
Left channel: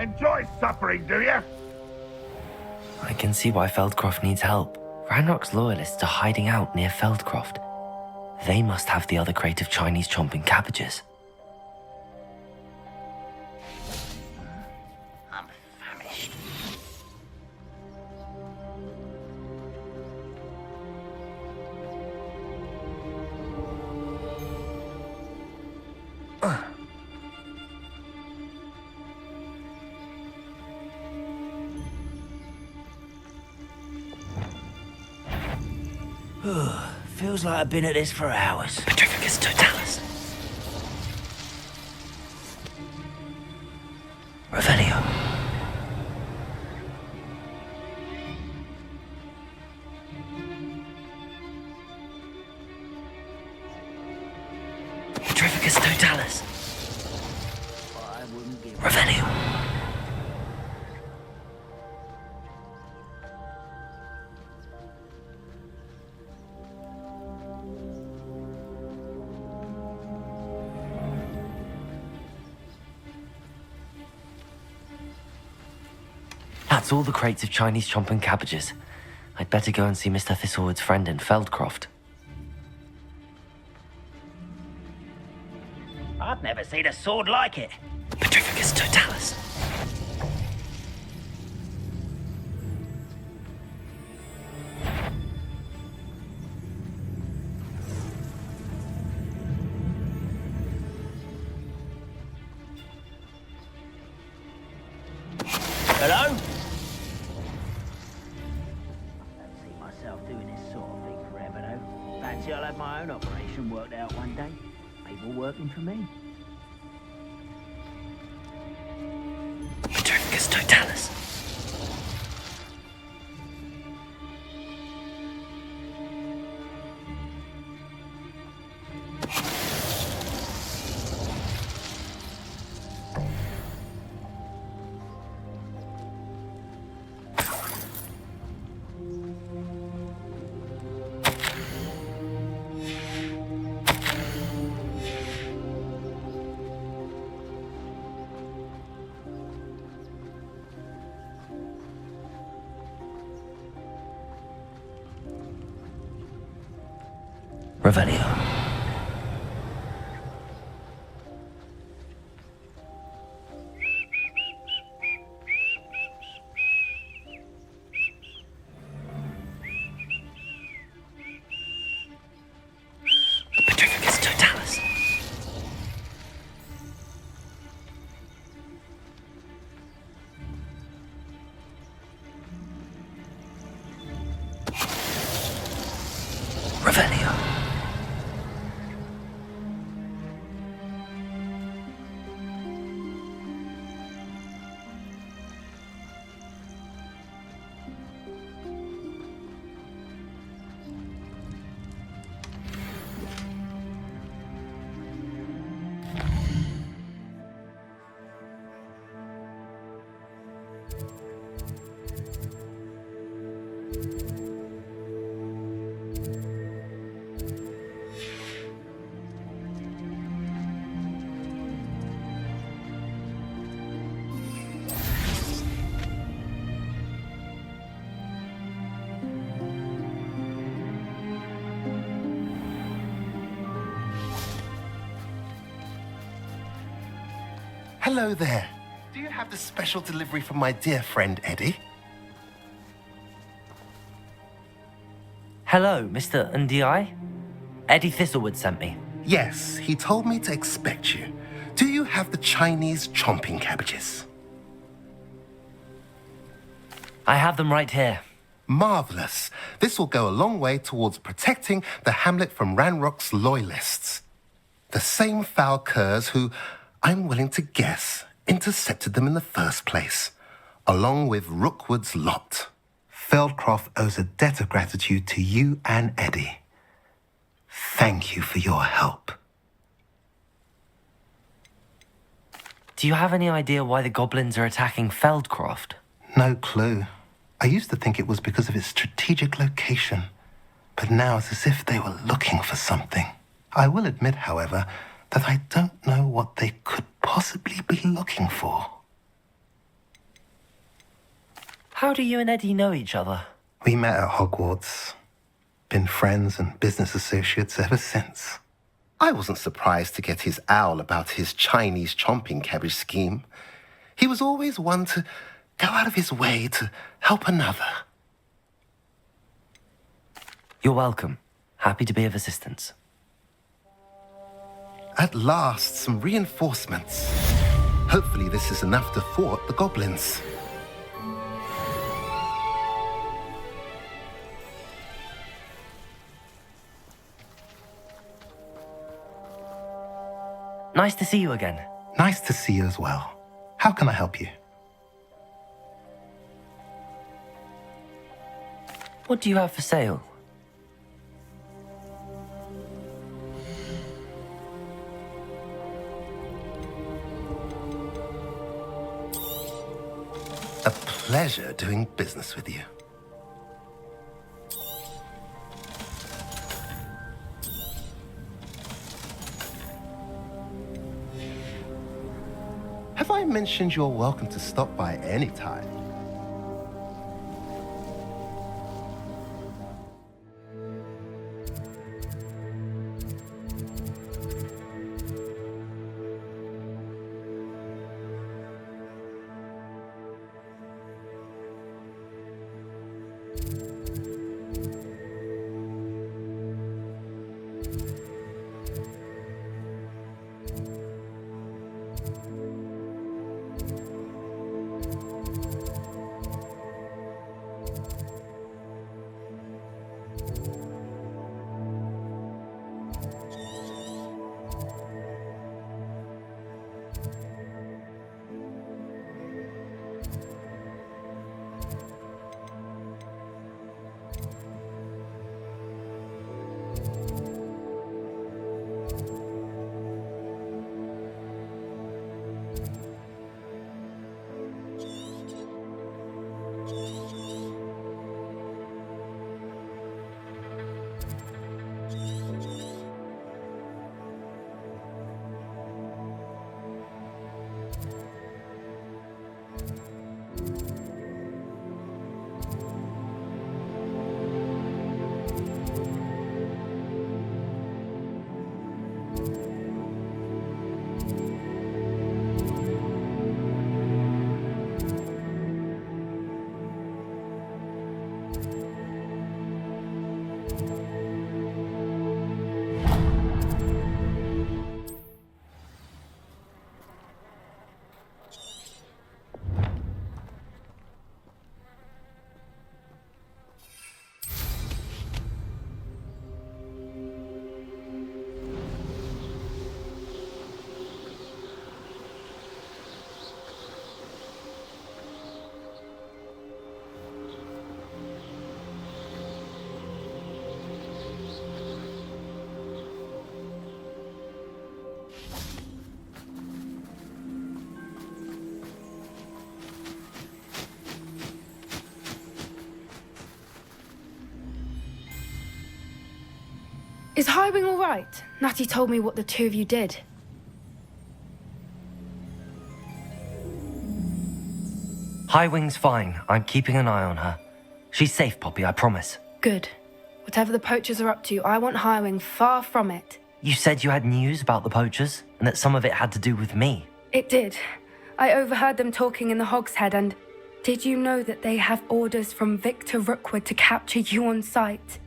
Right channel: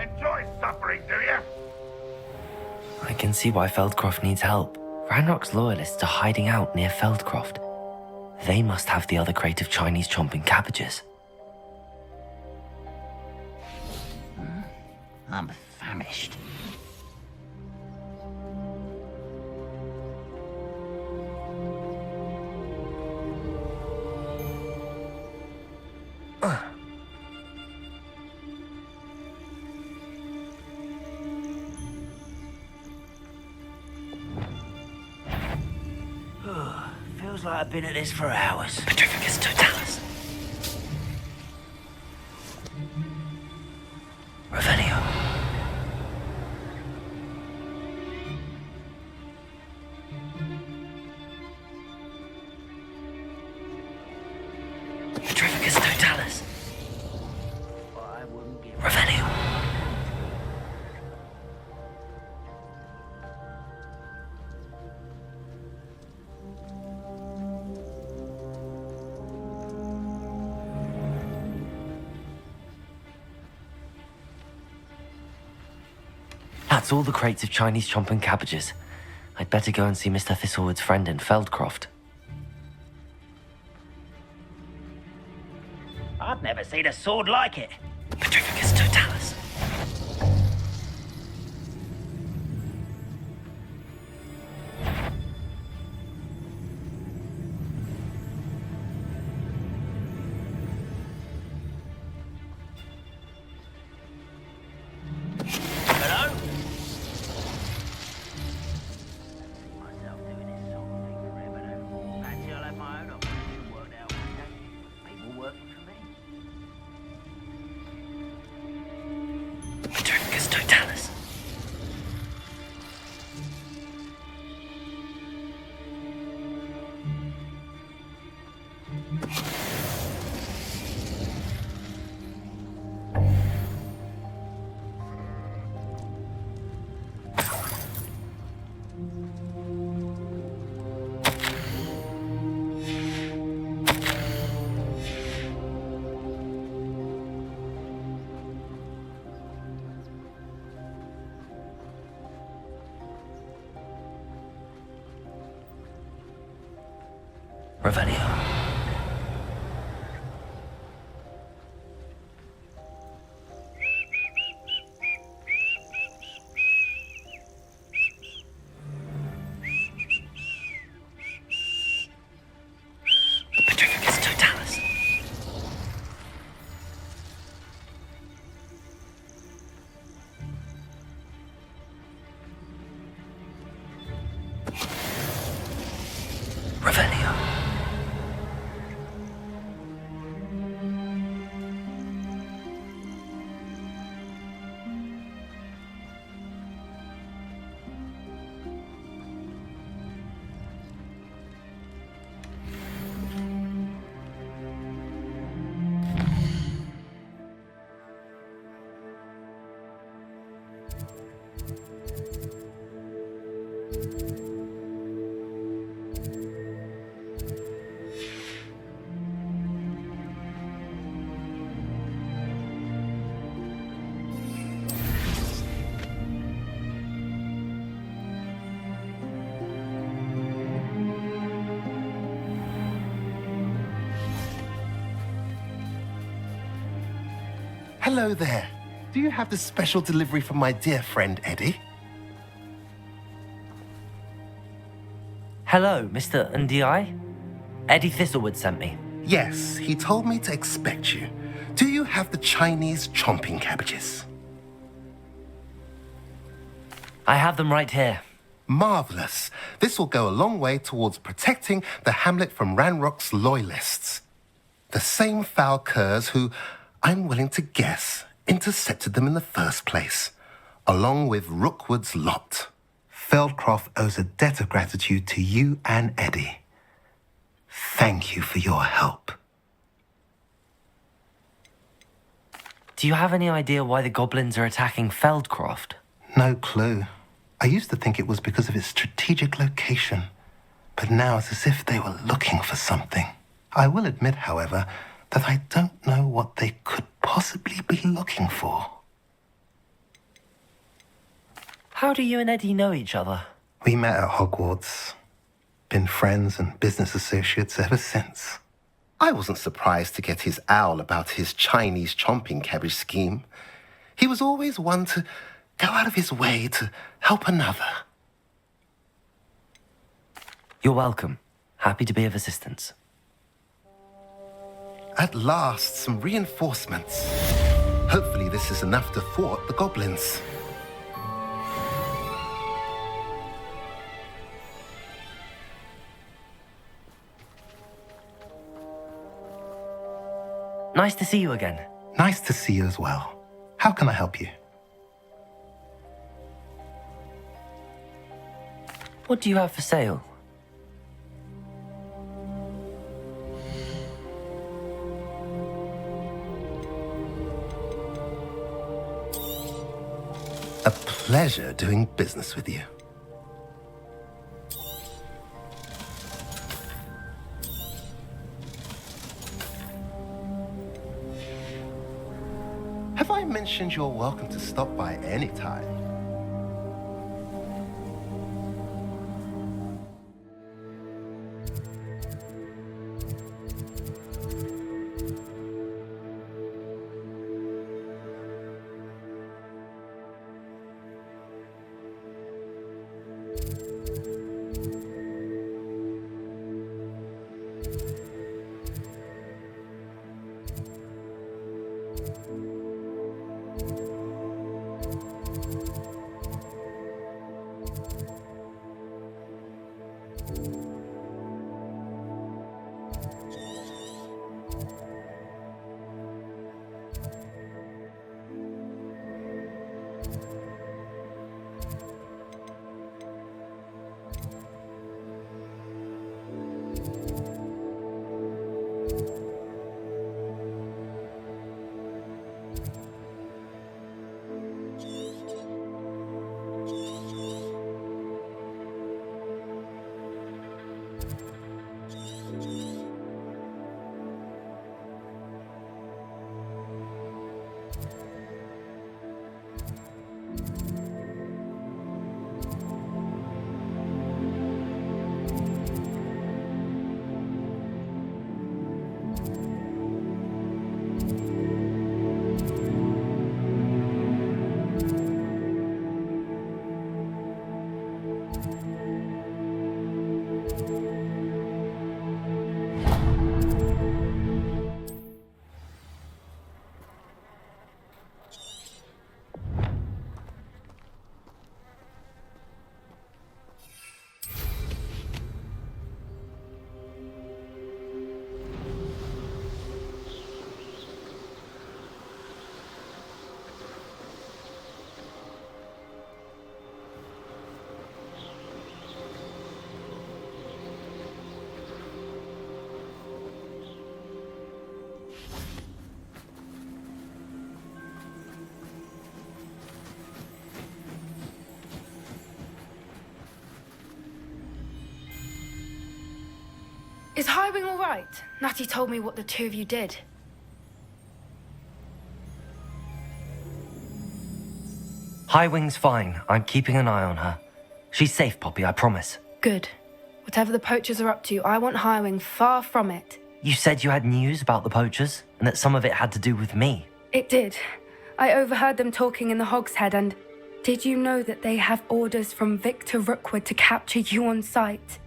Enjoy suffering, do you? I can see why Feldcroft needs help. Ranrock's loyalists are hiding out near Feldcroft. They must have the other crate of Chinese chomping cabbages. I'm famished. Feels like I've been at this for hours. Petrificus totalis. Revelio. Petrificus totalis. I wouldn't give Revelio. That's all the crates of Chinese chomping cabbages. I'd better go and see Mr. Thistlewood's friend in Feldcroft. I've never seen a sword like it. Petrificus totalis. Hello? Don't see myself doing this sort of thing forever, though. Fancy I'll have my own operation worked out one day. People working for me. Petrificus totalis. Revelio. Petrificus totalis. Revelio. Hello there. Do you have the special delivery from my dear friend Eddie? Hello, Mr. Ndi. Eddie Thistlewood sent me. Yes, he told me to expect you. Do you have the Chinese chomping cabbages? I have them right here. Marvelous. This will go a long way towards protecting the hamlet from Ranrock's loyalists. The same foul curs who, I'm willing to guess, intercepted them in the first place, along with Rookwood's lot. Feldcroft owes a debt of gratitude to you and Eddie. Thank you for your help. Do you have any idea why the goblins are attacking Feldcroft? No clue. I used to think it was because of its strategic location, but now it's as if they were looking for something. I will admit, however, that I don't know what they could possibly be looking for. How do you and Eddie know each other? We met at Hogwarts. Been friends and business associates ever since. I wasn't surprised to get his owl about his Chinese chomping cabbage scheme. He was always one to go out of his way to help another. You're welcome. Happy to be of assistance. At last, some reinforcements. Hopefully this is enough to thwart the goblins. Nice to see you again. Nice to see you as well. How can I help you? What do you have for sale? A pleasure doing business with you. Have I mentioned you're welcome to stop by any time? Is Highwing all right? Natty told me what the two of you did. Highwing's fine. I'm keeping an eye on her. She's safe, Poppy, I promise. Good. Whatever the poachers are up to, I want Highwing far from it. You said you had news about the poachers, and that some of it had to do with me. It did. I overheard them talking in the Hogshead, and did you know that they have orders from Victor Rookwood to capture you on sight?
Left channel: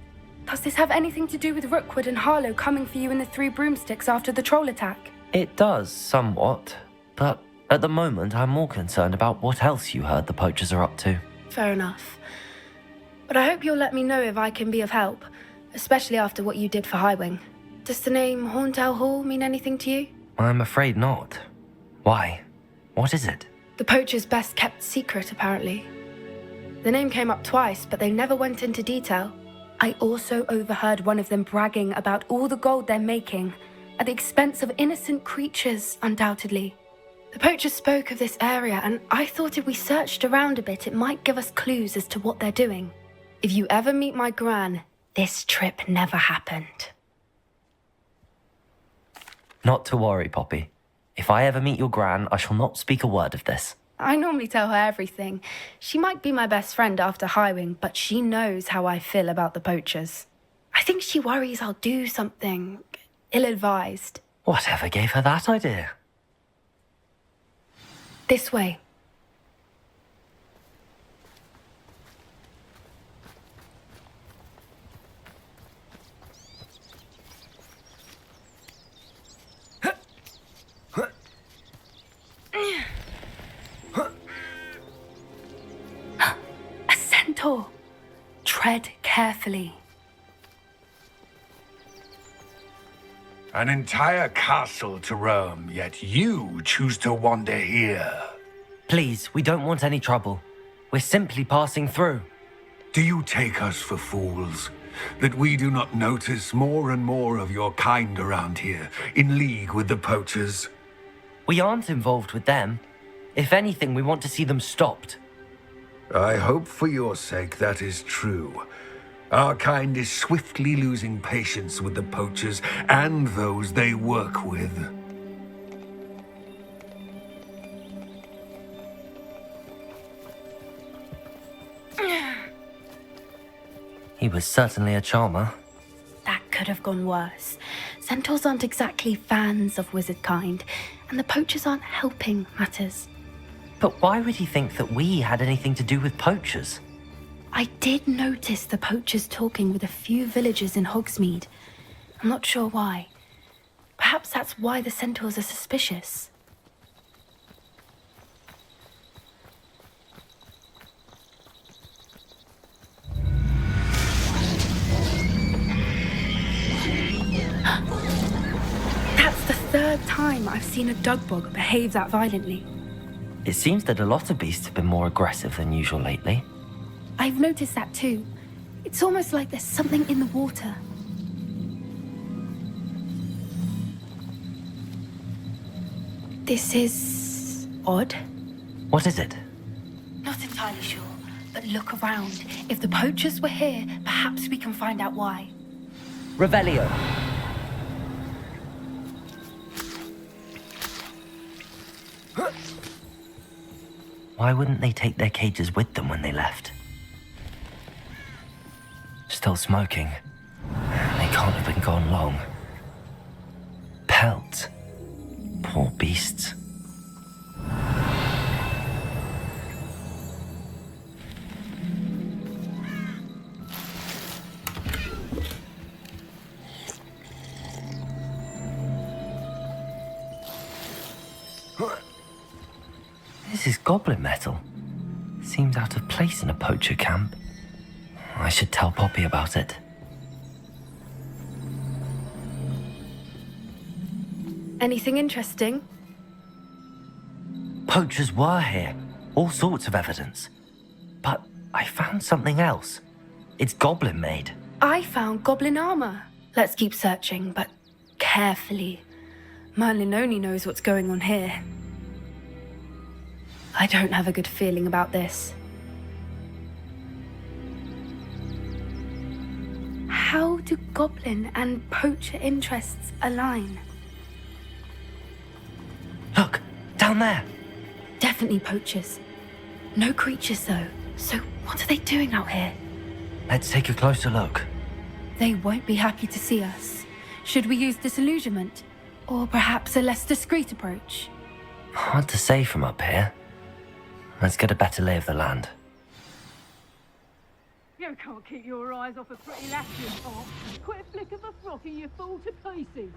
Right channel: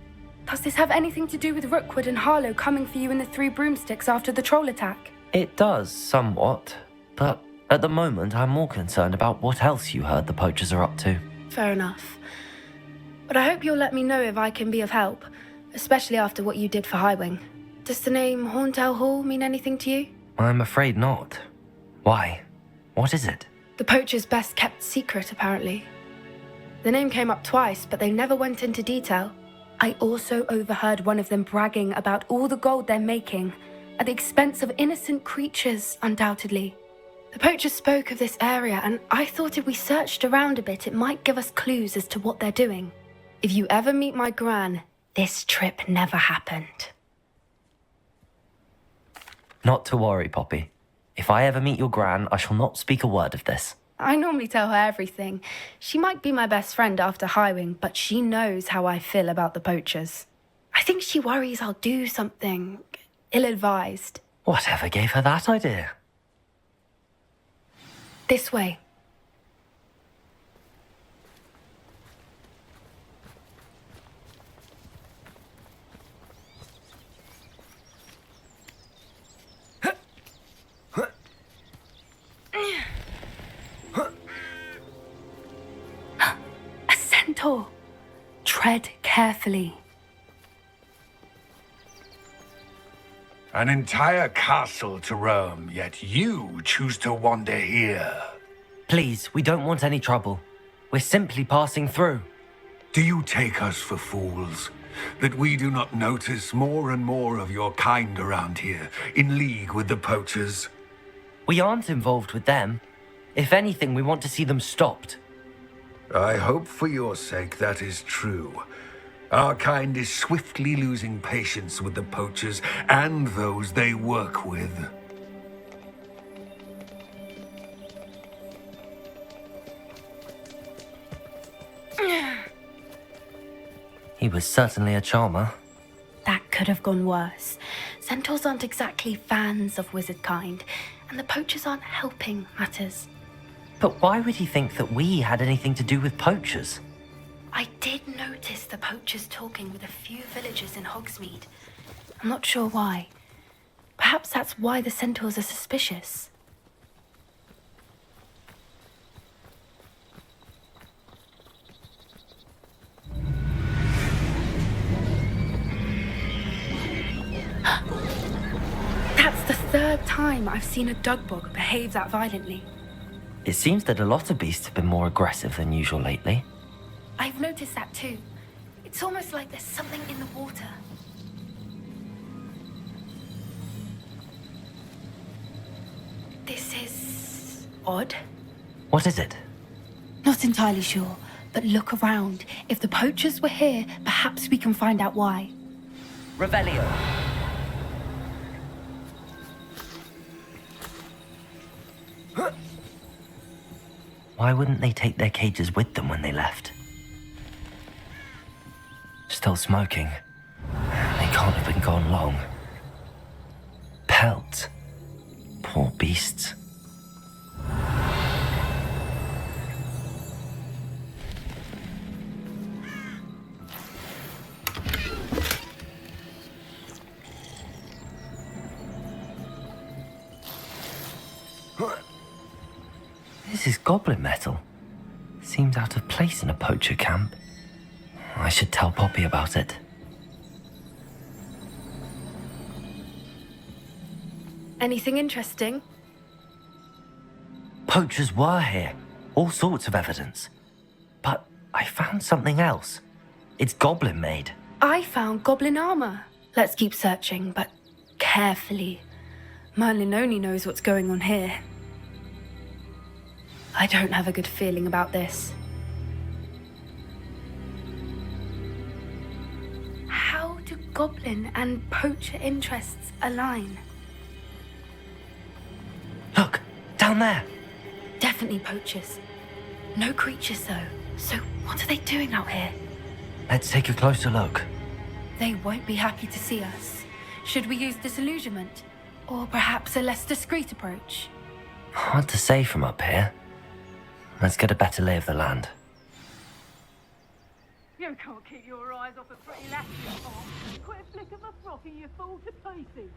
Does this have anything to do with Rookwood and Harlow coming for you in the Three Broomsticks after the troll attack? It does, somewhat. But at the moment, I'm more concerned about what else you heard the poachers are up to. Fair enough. But I hope you'll let me know if I can be of help, especially after what you did for Highwing. Does the name Horntail Hall mean anything to you? I'm afraid not. Why? What is it? The poachers' best kept secret, apparently. The name came up twice, but they never went into detail. I also overheard one of them bragging about all the gold they're making, at the expense of innocent creatures, undoubtedly. The poachers spoke of this area, and I thought if we searched around a bit, it might give us clues as to what they're doing. If you ever meet my gran, this trip never happened. Not to worry, Poppy. If I ever meet your gran, I shall not speak a word of this. I normally tell her everything. She might be my best friend after hiring, but she knows how I feel about the poachers. I think she worries I'll do something ill-advised. Whatever gave her that idea? This way. A centaur. Tread carefully. An entire castle to roam, yet you choose to wander here. Please, we don't want any trouble. We're simply passing through. Do you take us for fools? That we do not notice more and more of your kind around here, in league with the poachers? We aren't involved with them. If anything, we want to see them stopped. I hope for your sake that is true. Our kind is swiftly losing patience with the poachers and those they work with. He was certainly a charmer. That could have gone worse. Centaurs aren't exactly fans of wizard kind, and the poachers aren't helping matters. But why would he think that we had anything to do with poachers? I did notice the poachers talking with a few villagers in Hogsmeade. I'm not sure why. Perhaps that's why the centaurs are suspicious. That's the third time I've seen a dugbog behave that violently. It seems that a lot of beasts have been more aggressive than usual lately. I've noticed that too. It's almost like there's something in the water. This is odd. What is it? Not entirely sure, but look around. If the poachers were here, perhaps we can find out why. Revelio. Why wouldn't they take their cages with them when they left? Still smoking. They can't have been gone long. Pelt. Poor beasts. This is goblin metal. Seems out of place in a poacher camp. I should tell Poppy about it. Anything interesting? Poachers were here. All sorts of evidence. But I found something else. It's goblin made. I found goblin armor. Let's keep searching, but carefully. Merlin only knows what's going on here. I don't have a good feeling about this. How do goblin and poacher interests align? Look, down there. Definitely poachers. No creatures though. So what are they doing out here? Let's take a closer look. They won't be happy to see us. Should we use disillusionment? Or perhaps a less discreet approach? Hard to say from up here. Let's get a better lay of the land. You can't keep your eyes off a pretty lass, you can't. Quit a flick of the frock and you fall to pieces.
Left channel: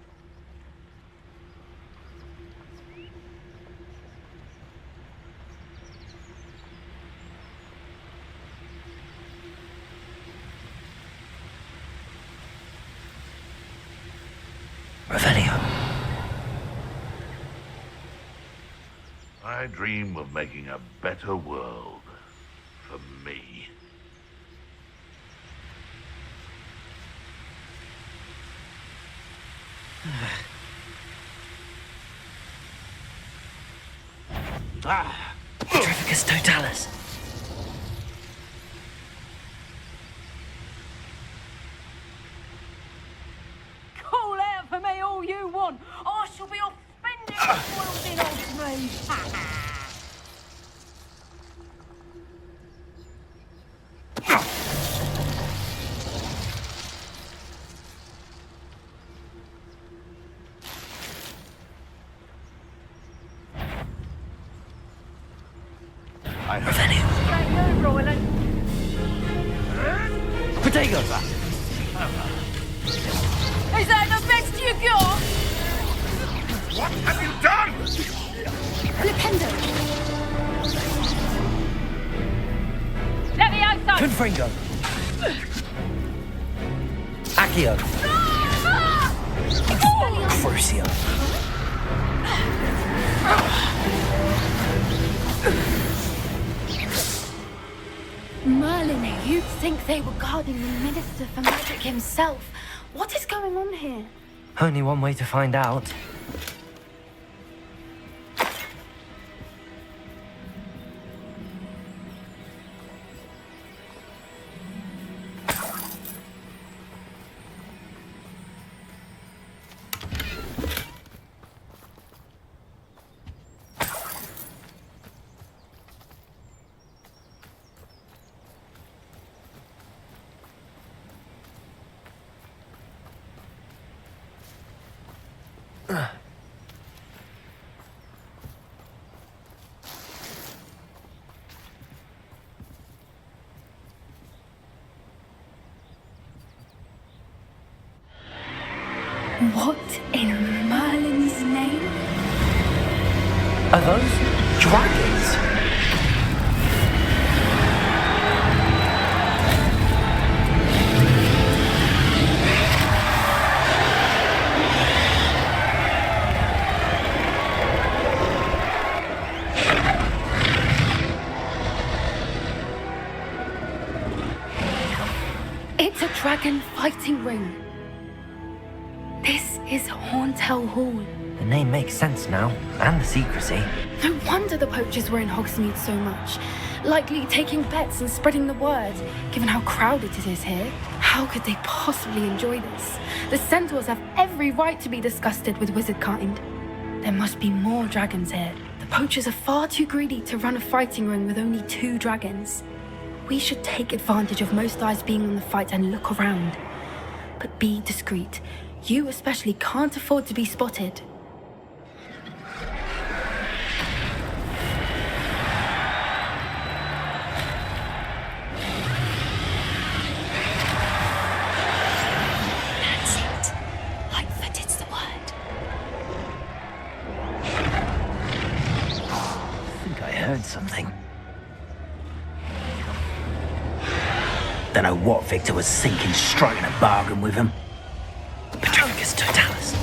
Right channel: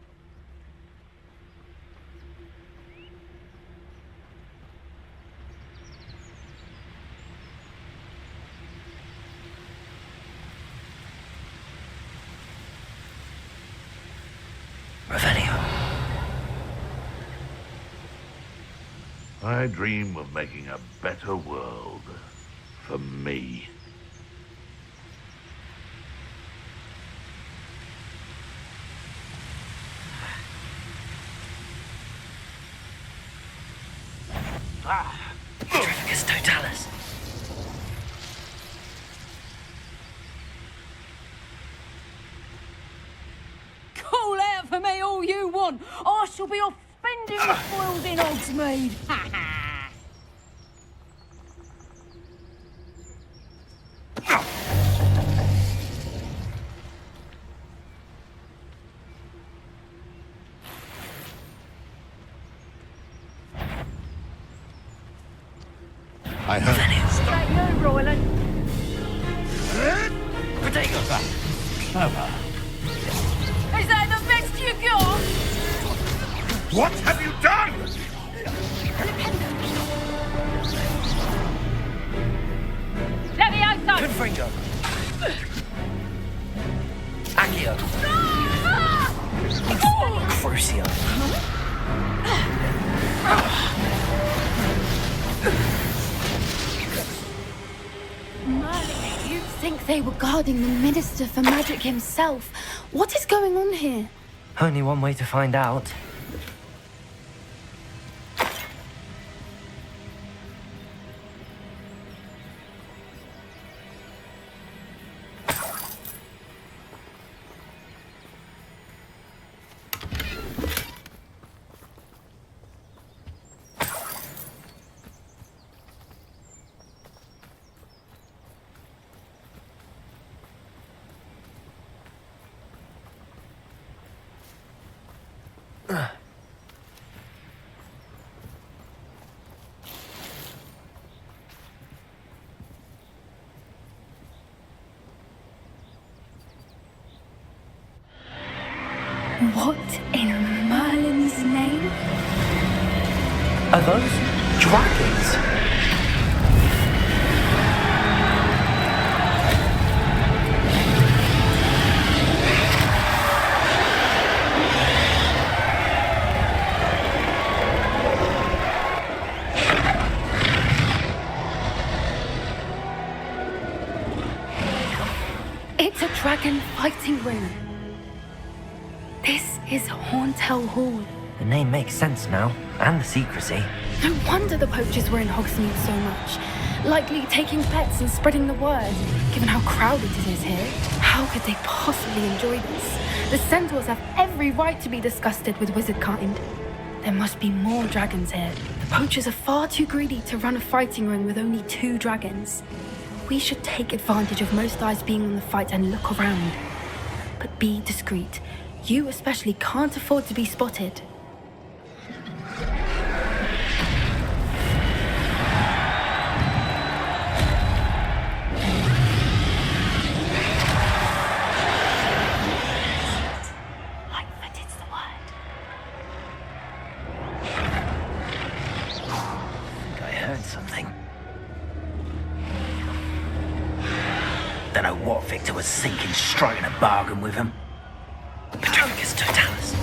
Revelio. I dream of making a better world for me. Petrificus totalis. Call out for me all you want. I shall be off spending the spoils in Hogsmeade. Confringo. Accio. Crucio. Merlin, you'd think they were guarding the Minister for Magic himself. What is going on here? Only one way to find out. What in Merlin's name? Are those dragons? It's a dragon fighting ring. This is Horntail Hall. The name makes sense now, and the secrecy. No wonder the poachers were in Hogsmeade so much. Likely taking bets and spreading the word, given how crowded it is here. How could they possibly enjoy this? The centaurs have every right to be disgusted with wizard kind. There must be more dragons here. The poachers are far too greedy to run a fighting ring with only 2 dragons. We should take advantage of most eyes being on the fight and look around. But be discreet. You especially can't afford to be spotted. That's it. Lightfooted's the word. I think I heard something. Don't know what Victor was thinking, striking a bargain with him. Patricus Totalis.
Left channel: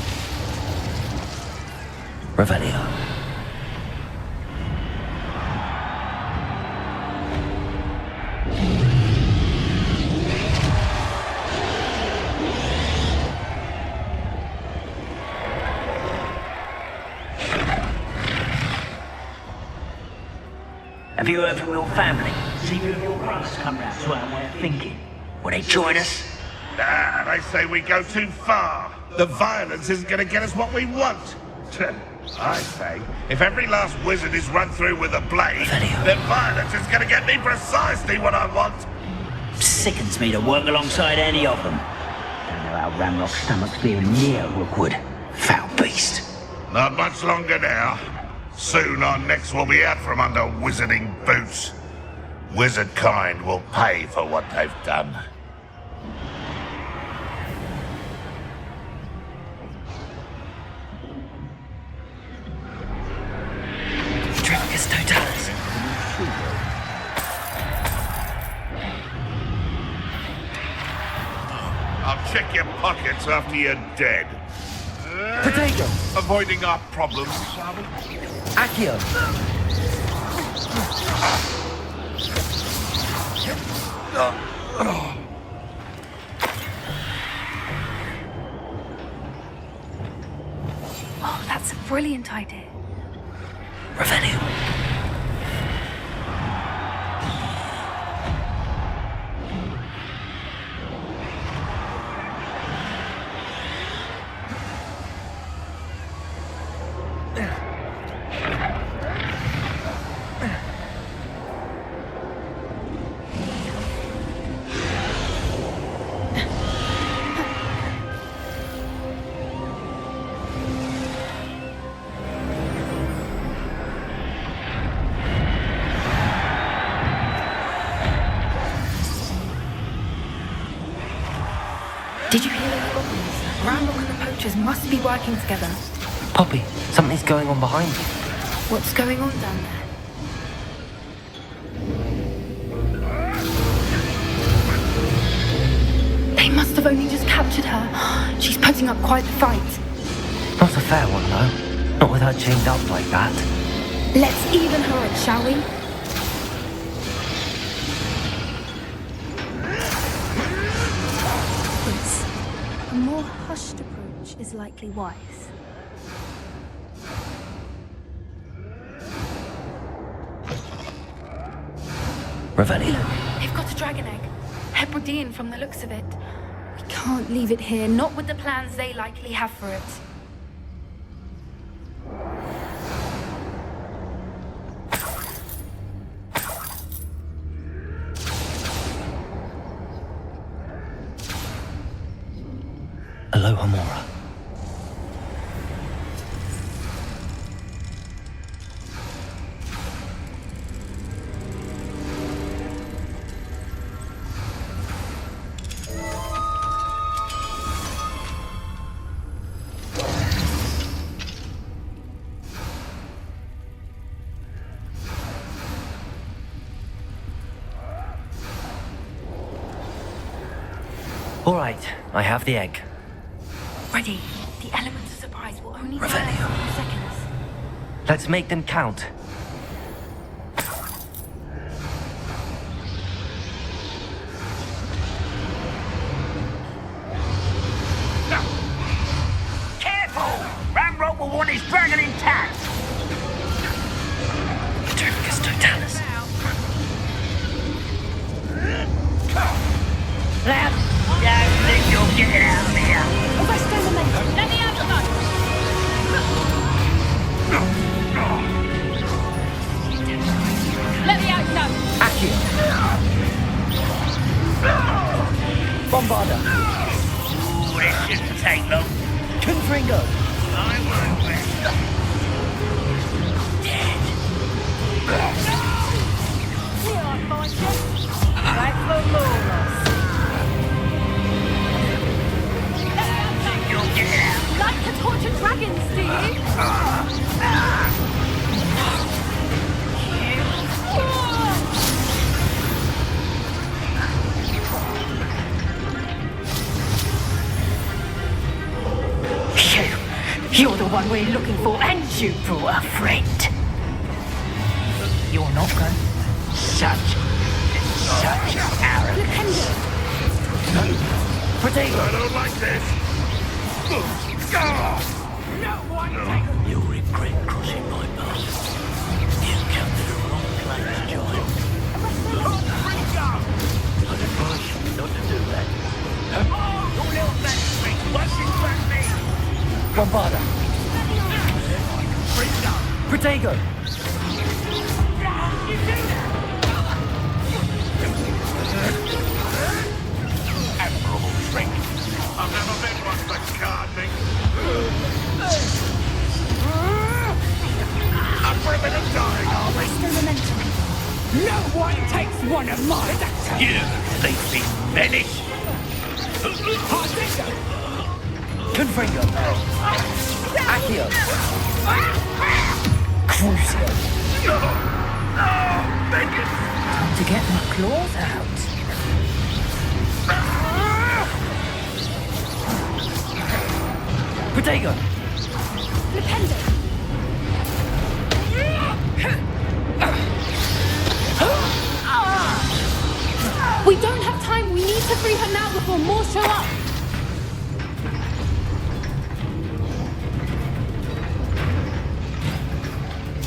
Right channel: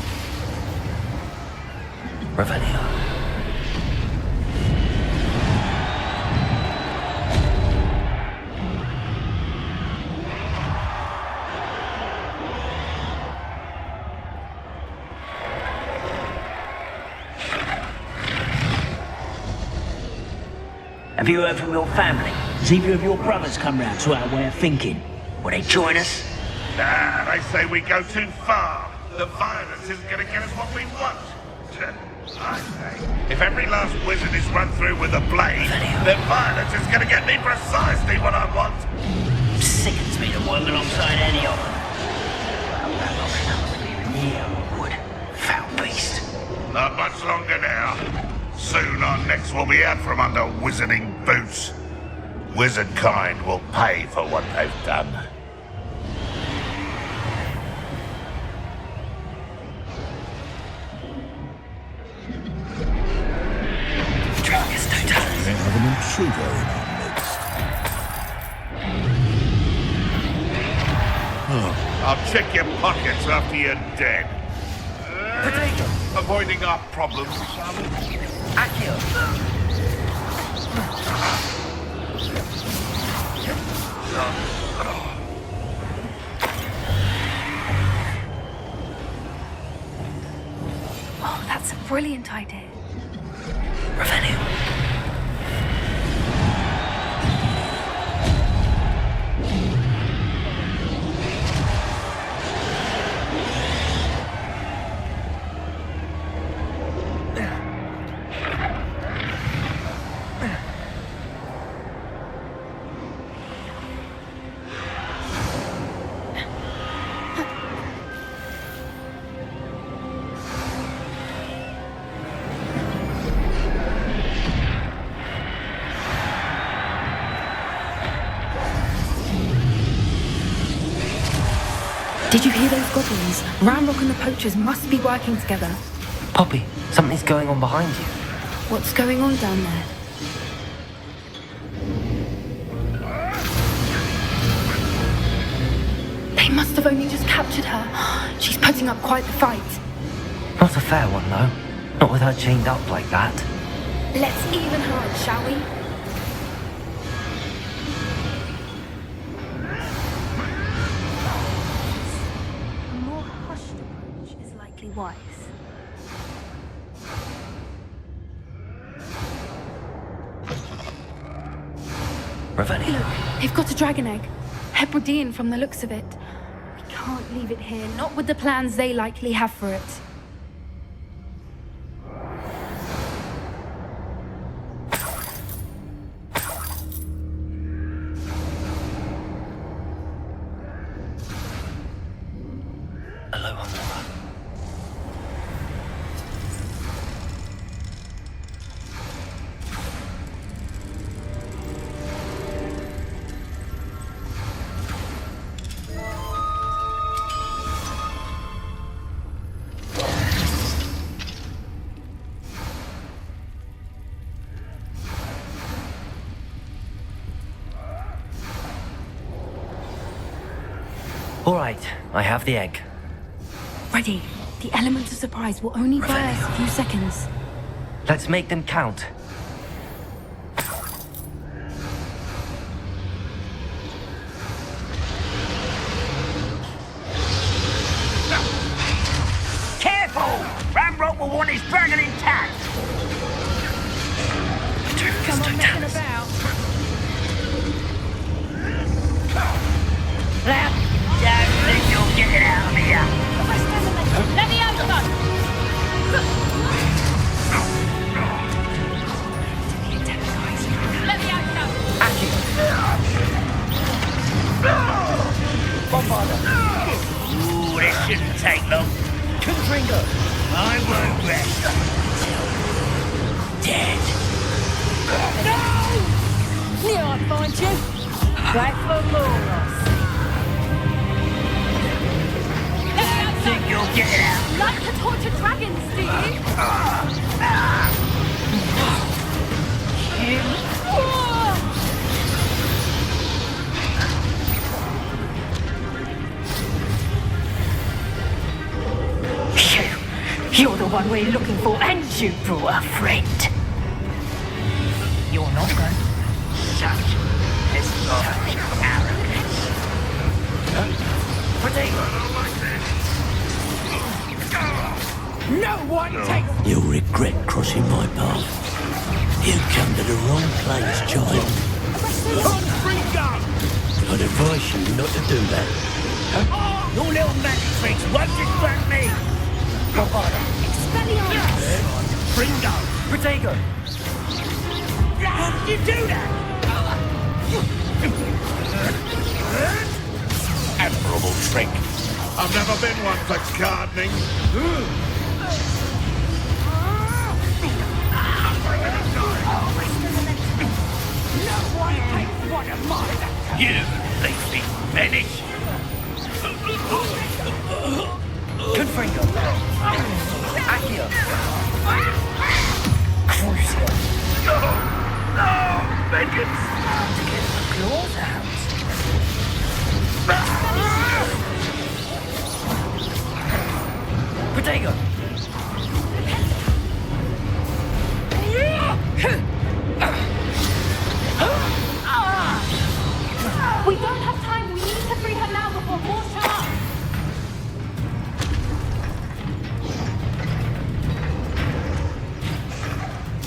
Revelio. Have you heard from your family? See if your brothers come round to our way of thinking. Will they join us? Ah, they say we go too far. The violence isn't going to get us what we want. I say, if every last wizard is run through with a blade, then violence is going to get me precisely what I want. Sickens me to work alongside any of them. Well, Ramrock's stomach's feeling near Rookwood. Foul beast. Not much longer now. Soon our necks will be out from under wizarding boots. Wizard kind will pay for what they've done. Patricus Totalis. I'll check your pockets after you're dead. Potato. Avoiding our problems, shall we? Accio. Oh, that's a brilliant idea. Revelio. Did you hear those goblins? Ramrock and the poachers must be working together. Poppy, something's going on behind you. What's going on down there? must have only just captured her. She's putting up quite the fight. Not a fair one, though. Not with her chained up like that. Let's even her out, shall we? A more hushed approach is likely wise. Revelio. Look, they've got a dragon egg. Hebridean from the looks of it. We can't leave it here, not with the plans they likely have for it. Aloha Mora. All right, I have the egg. Ready. The element of surprise will only last a few seconds. Let's make them count. Careful! Ramrock will want his dragon intact! Patericus totalis. Lad, don't think you'll get it out of here! Let me out, son! Let me out, son! Accio. Bombarda. Ooh, this shouldn't take long. Confringo. I won't rest. Dead. Right for Moros. Think you'll get it out? Like to torture dragons, do you? You're the one we're looking for, and you brought a friend. You're not going. Such arrogance. Protego. No one takes. You'll regret crossing my path. You've come to the wrong place, child. I'd advise you not to do that. Your little magic tricks won't distract me. Bombarda. Protego. You do that. Admirable trick. I've never been one for gardening. I'm for a bit of time. No one takes one of mine. You leafy menace. Confringo. Accio. Crucio. No, vengeance. To get my claws out. Protego. We don't have time. We need to free her now before more show up.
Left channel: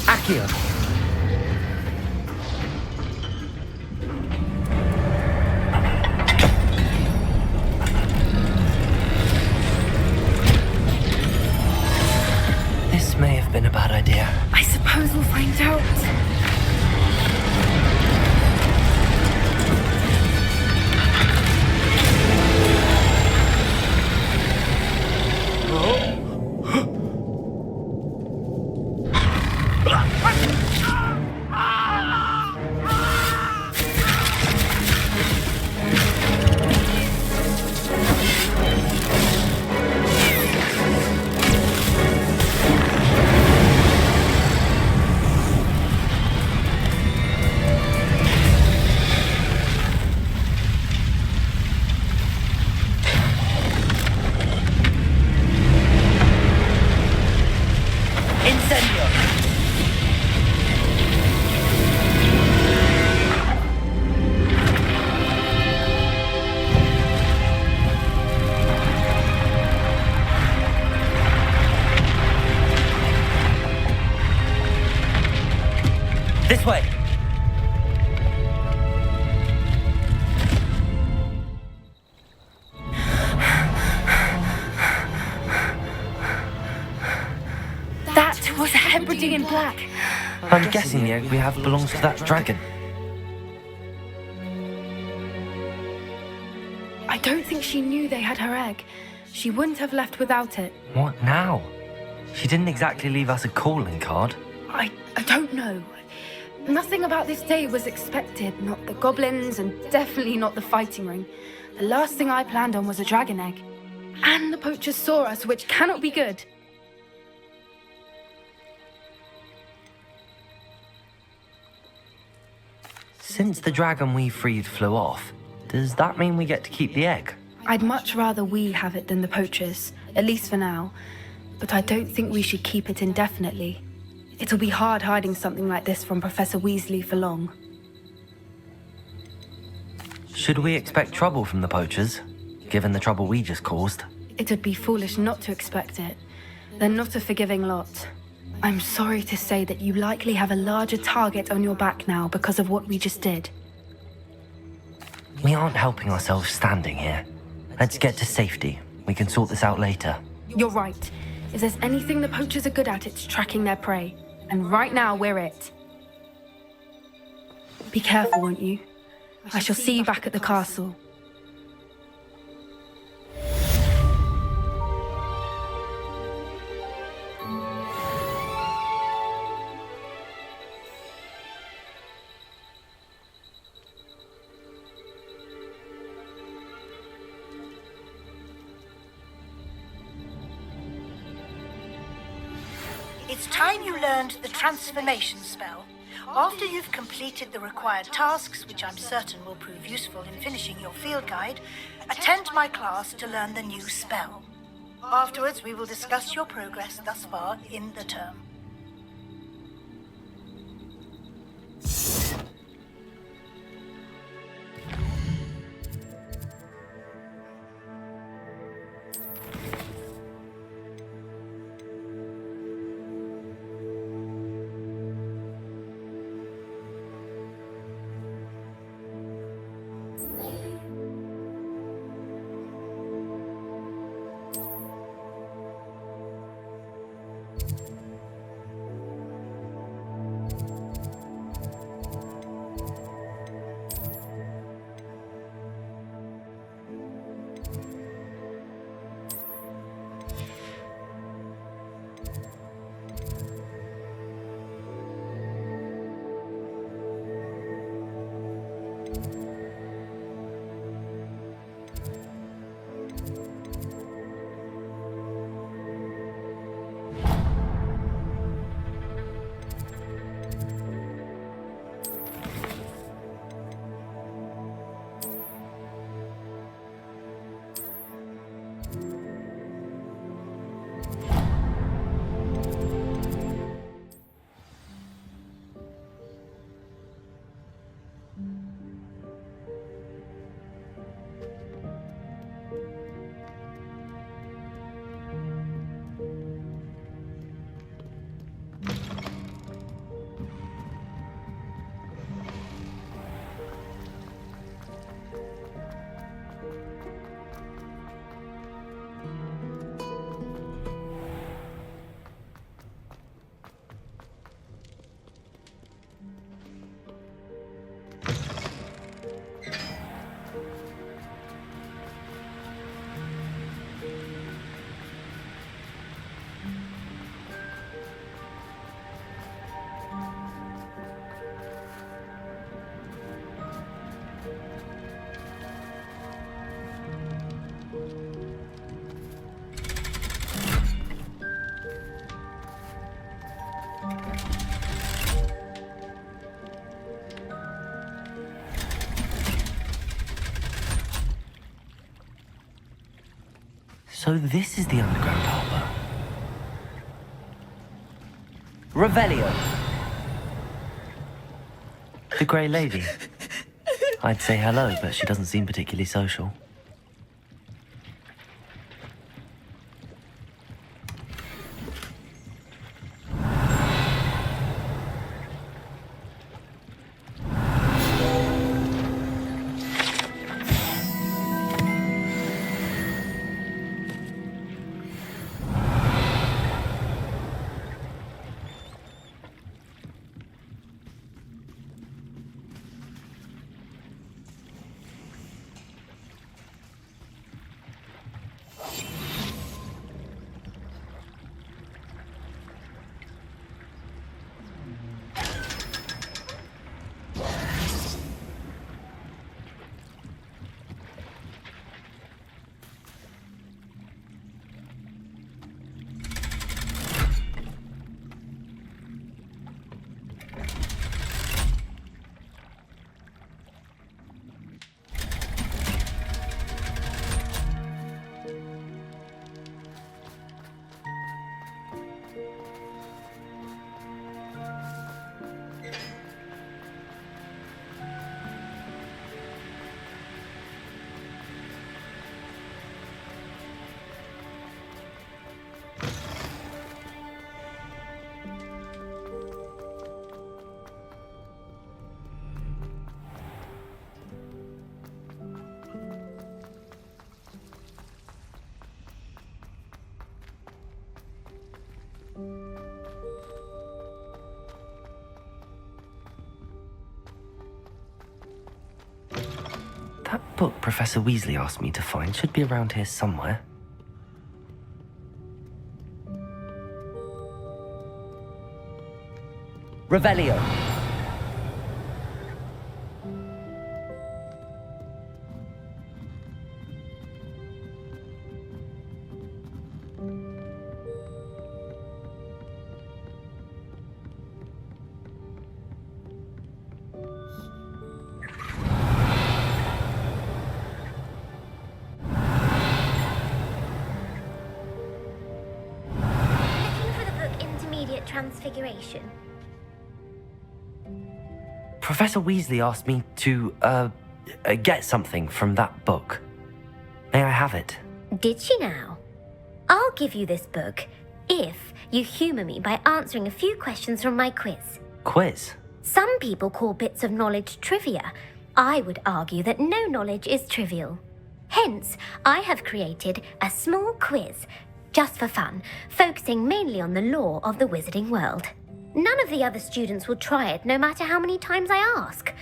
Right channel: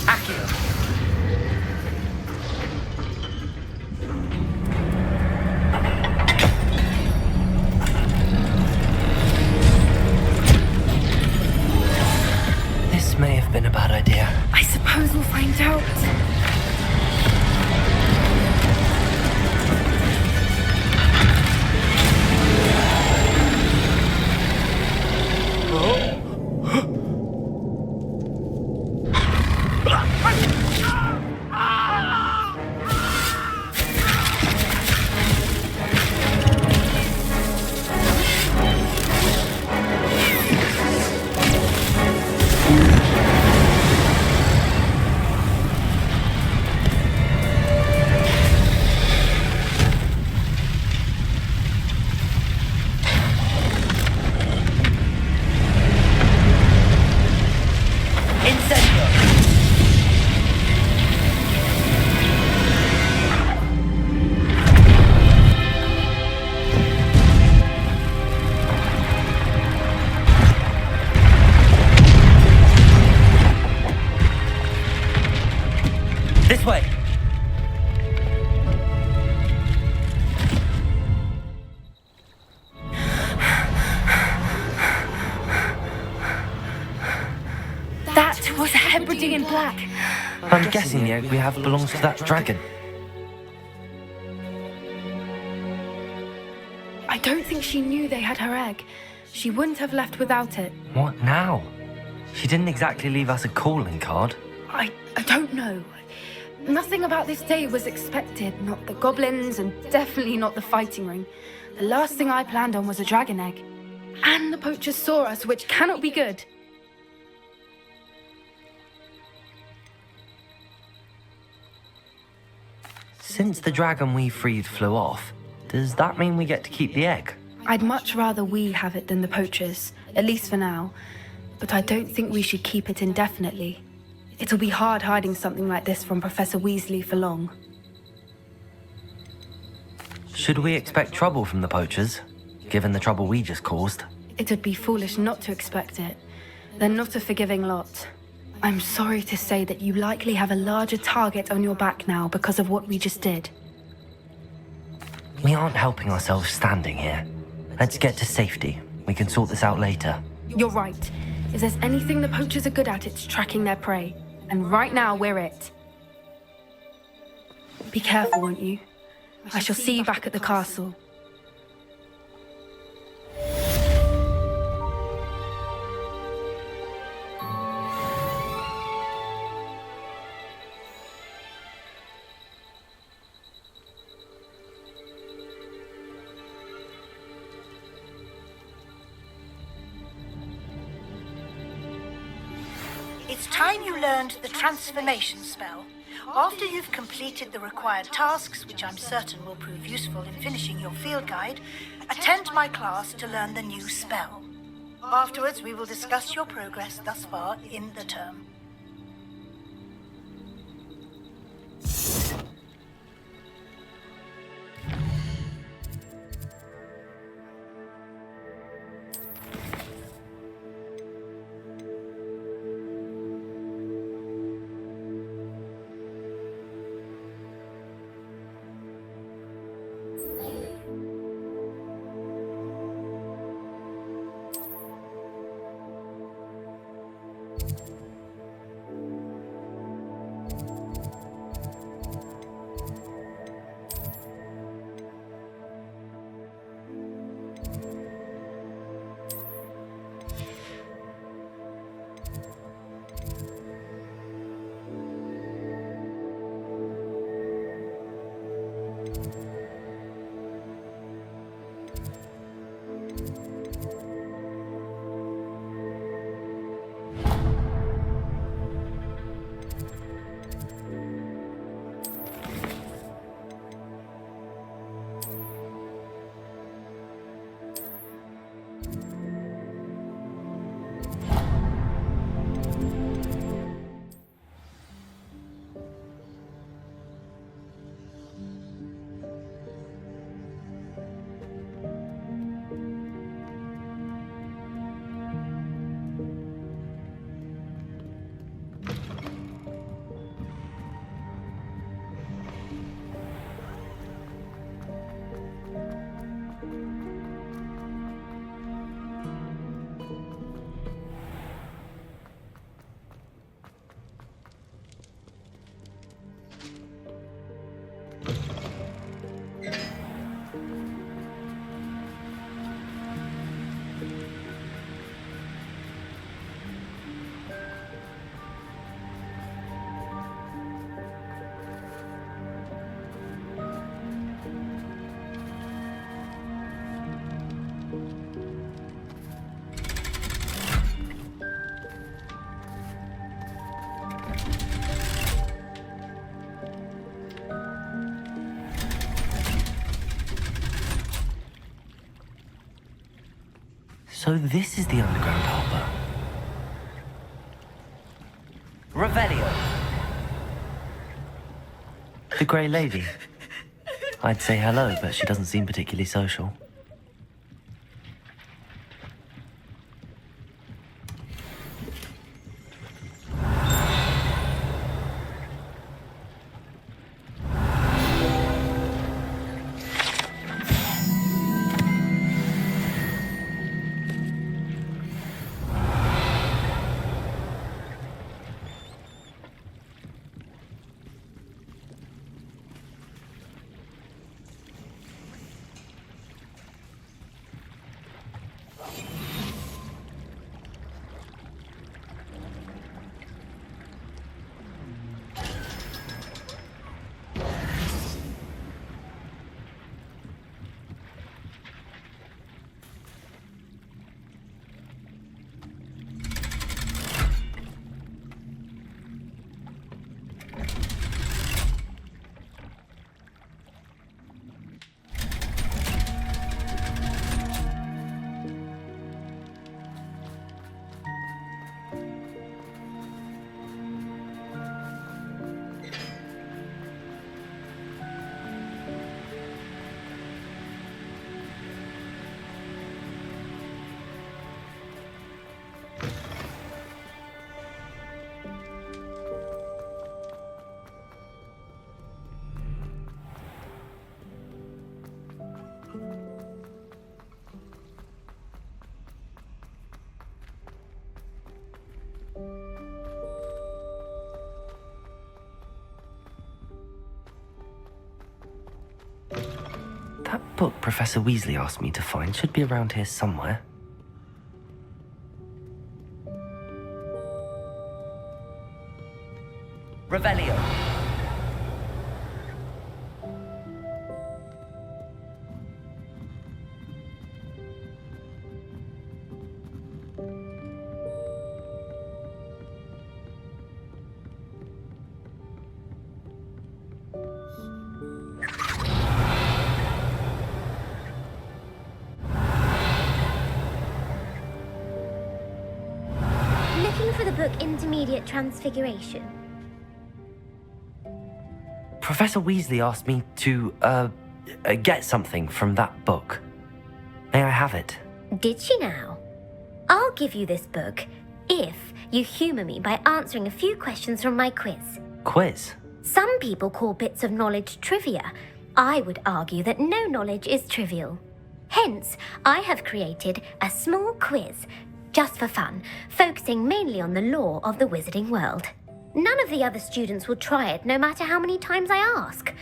Accio. This may have been a bad idea. I suppose we'll find out. This way! That was Hebridean in black. I'm guessing the egg we have belongs to that dragon. I don't think she knew they had her egg. She wouldn't have left without it. What now? She didn't exactly leave us a calling card. I don't know. Nothing about this day was expected. Not the goblins, and definitely not the fighting ring. The last thing I planned on was a dragon egg. And the poachers saw us, which cannot be good. Since the dragon we freed flew off, does that mean we get to keep the egg? I'd much rather we have it than the poachers, at least for now. But I don't think we should keep it indefinitely. It'll be hard hiding something like this from Professor Weasley for long. Should we expect trouble from the poachers, given the trouble we just caused? It would be foolish not to expect it. They're not a forgiving lot. I'm sorry to say that you likely have a larger target on your back now because of what we just did. We aren't helping ourselves standing here. Let's get to safety. We can sort this out later. You're right. If there's anything the poachers are good at, it's tracking their prey. And right now, we're it. Be careful, won't you? I shall see you back at the castle. It's time you learned the transformation spell. After you've completed the required tasks, which I'm certain will prove useful in finishing your field guide, attend my class to learn the new spell. Afterwards, we will discuss your progress thus far in the term. So this is the underground harbour. Revelio. The Grey Lady. I'd say hello, but she doesn't seem particularly social. book Professor Weasley asked me to find should be around here somewhere. Revelio. Looking for the book Intermediate Transfiguration. Professor Weasley asked me to, get something from that book. May I have it? Did she now? I'll give you this book if you humour me by answering a few questions from my quiz. Quiz? Some people call bits of knowledge trivia. I would argue that no knowledge is trivial. Hence, I have created a small quiz, just for fun, focusing mainly on the lore of the wizarding world. None of the other students will try it, no matter how many times I ask.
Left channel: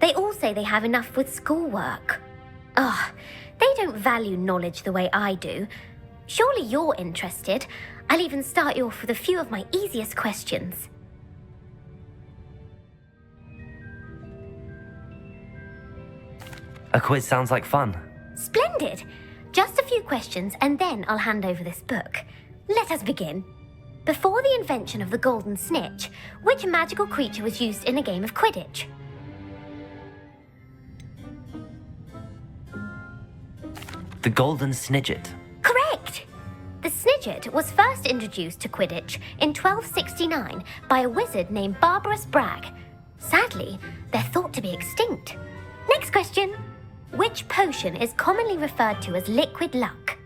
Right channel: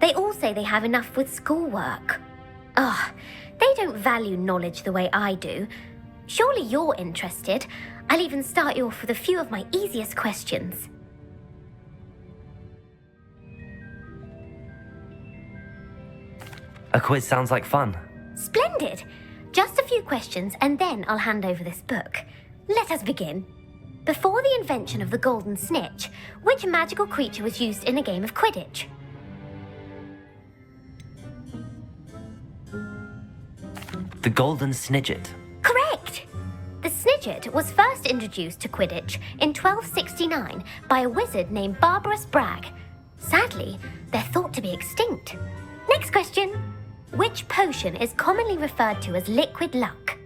They all say they have enough with schoolwork. Ugh, they don't value knowledge the way I do. Surely you're interested. I'll even start you off with a few of my easiest questions. A quiz sounds like fun. Splendid! Just a few questions and then I'll hand over this book. Let us begin. Before the invention of the golden snitch, which magical creature was used in a game of Quidditch? The Golden Snidget. Correct! The Snidget was first introduced to Quidditch in 1269 by a wizard named Barbarous Bragg. Sadly, they're thought to be extinct. Next question. Which potion is commonly referred to as liquid luck?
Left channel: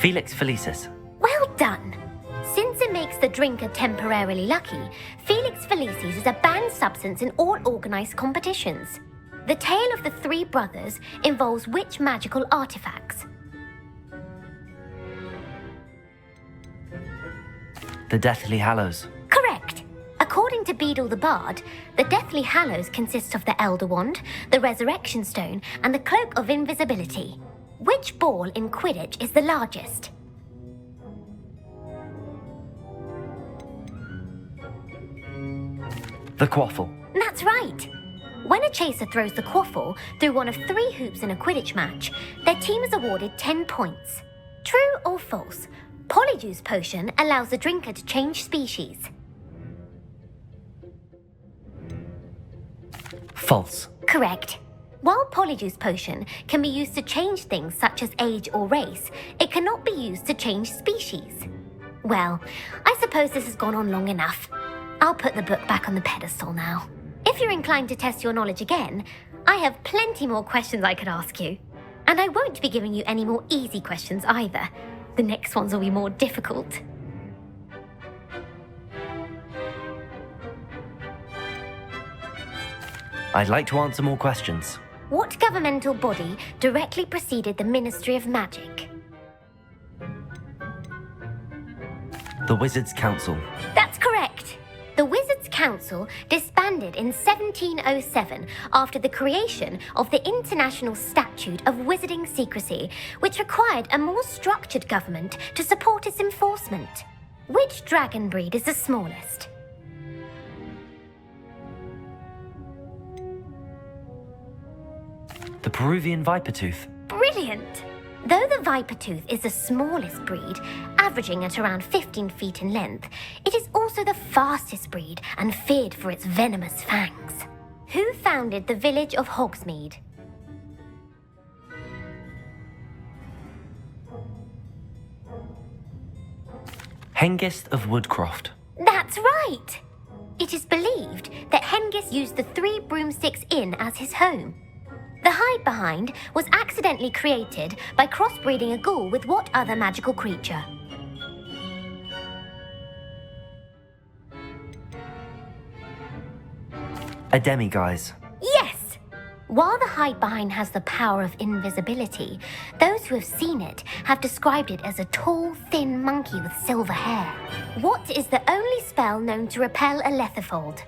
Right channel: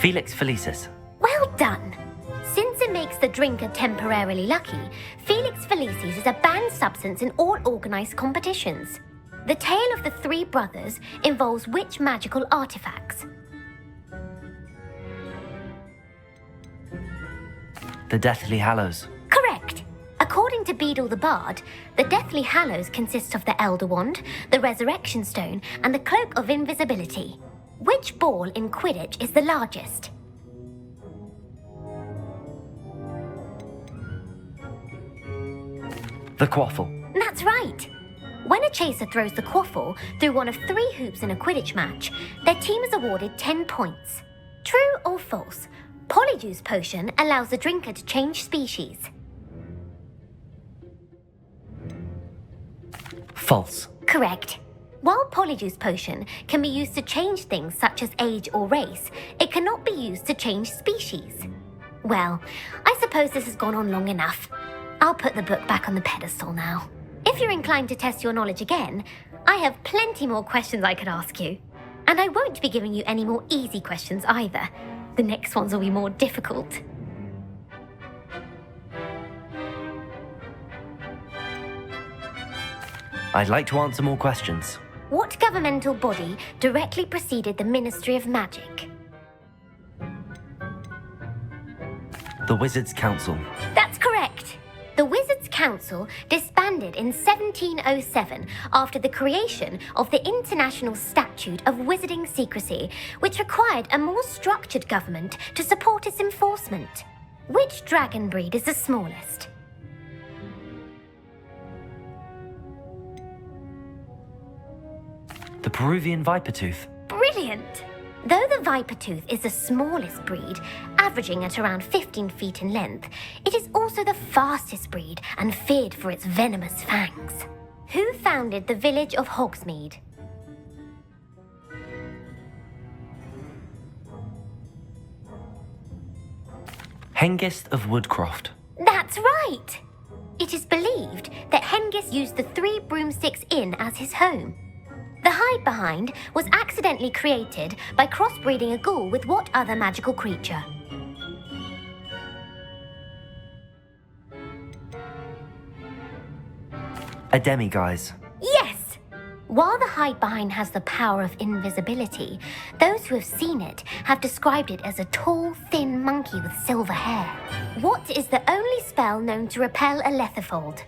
Felix Felicis. Well done! Since it makes the drinker temporarily lucky, Felix Felicis is a banned substance in all organised competitions. The tale of the three brothers involves which magical artifacts? The Deathly Hallows. Correct! According to Beedle the Bard, the Deathly Hallows consists of the Elder Wand, the Resurrection Stone, and the Cloak of Invisibility. Which ball in Quidditch is the largest? The Quaffle. That's right! When a chaser throws the quaffle through one of 3 hoops in a Quidditch match, their team is awarded 10 points. True or false? Polyjuice Potion allows the drinker to change species. False. Correct. While Polyjuice Potion can be used to change things such as age or race, it cannot be used to change species. Well, I suppose this has gone on long enough. I'll put the book back on the pedestal now. If you're inclined to test your knowledge again, I have plenty more questions I could ask you. And I won't be giving you any more easy questions either. The next ones will be more difficult. I'd like to answer more questions. What governmental body directly preceded the Ministry of Magic? The Wizards' Council. That's correct. The Wizards' Council disbanded in 1707 after the creation of the International Statute of Wizarding Secrecy, which required a more structured government to support its enforcement. Which dragon breed is the smallest? The Peruvian Vipertooth. Brilliant! Though the Vipertooth is the smallest breed, averaging at around 15 feet in length, it is also the fastest breed and feared for its venomous fangs. Who founded the village of Hogsmeade? Hengist of Woodcroft. That's right! It is believed that Hengist used the 3 Broomsticks Inn as his home. The hide-behind was accidentally created by crossbreeding a ghoul with what other magical creature? A demiguise. Yes! While the hide-behind has the power of invisibility, those who have seen it have described it as a tall, thin monkey with silver hair. What is the only spell known to repel a Lethifold?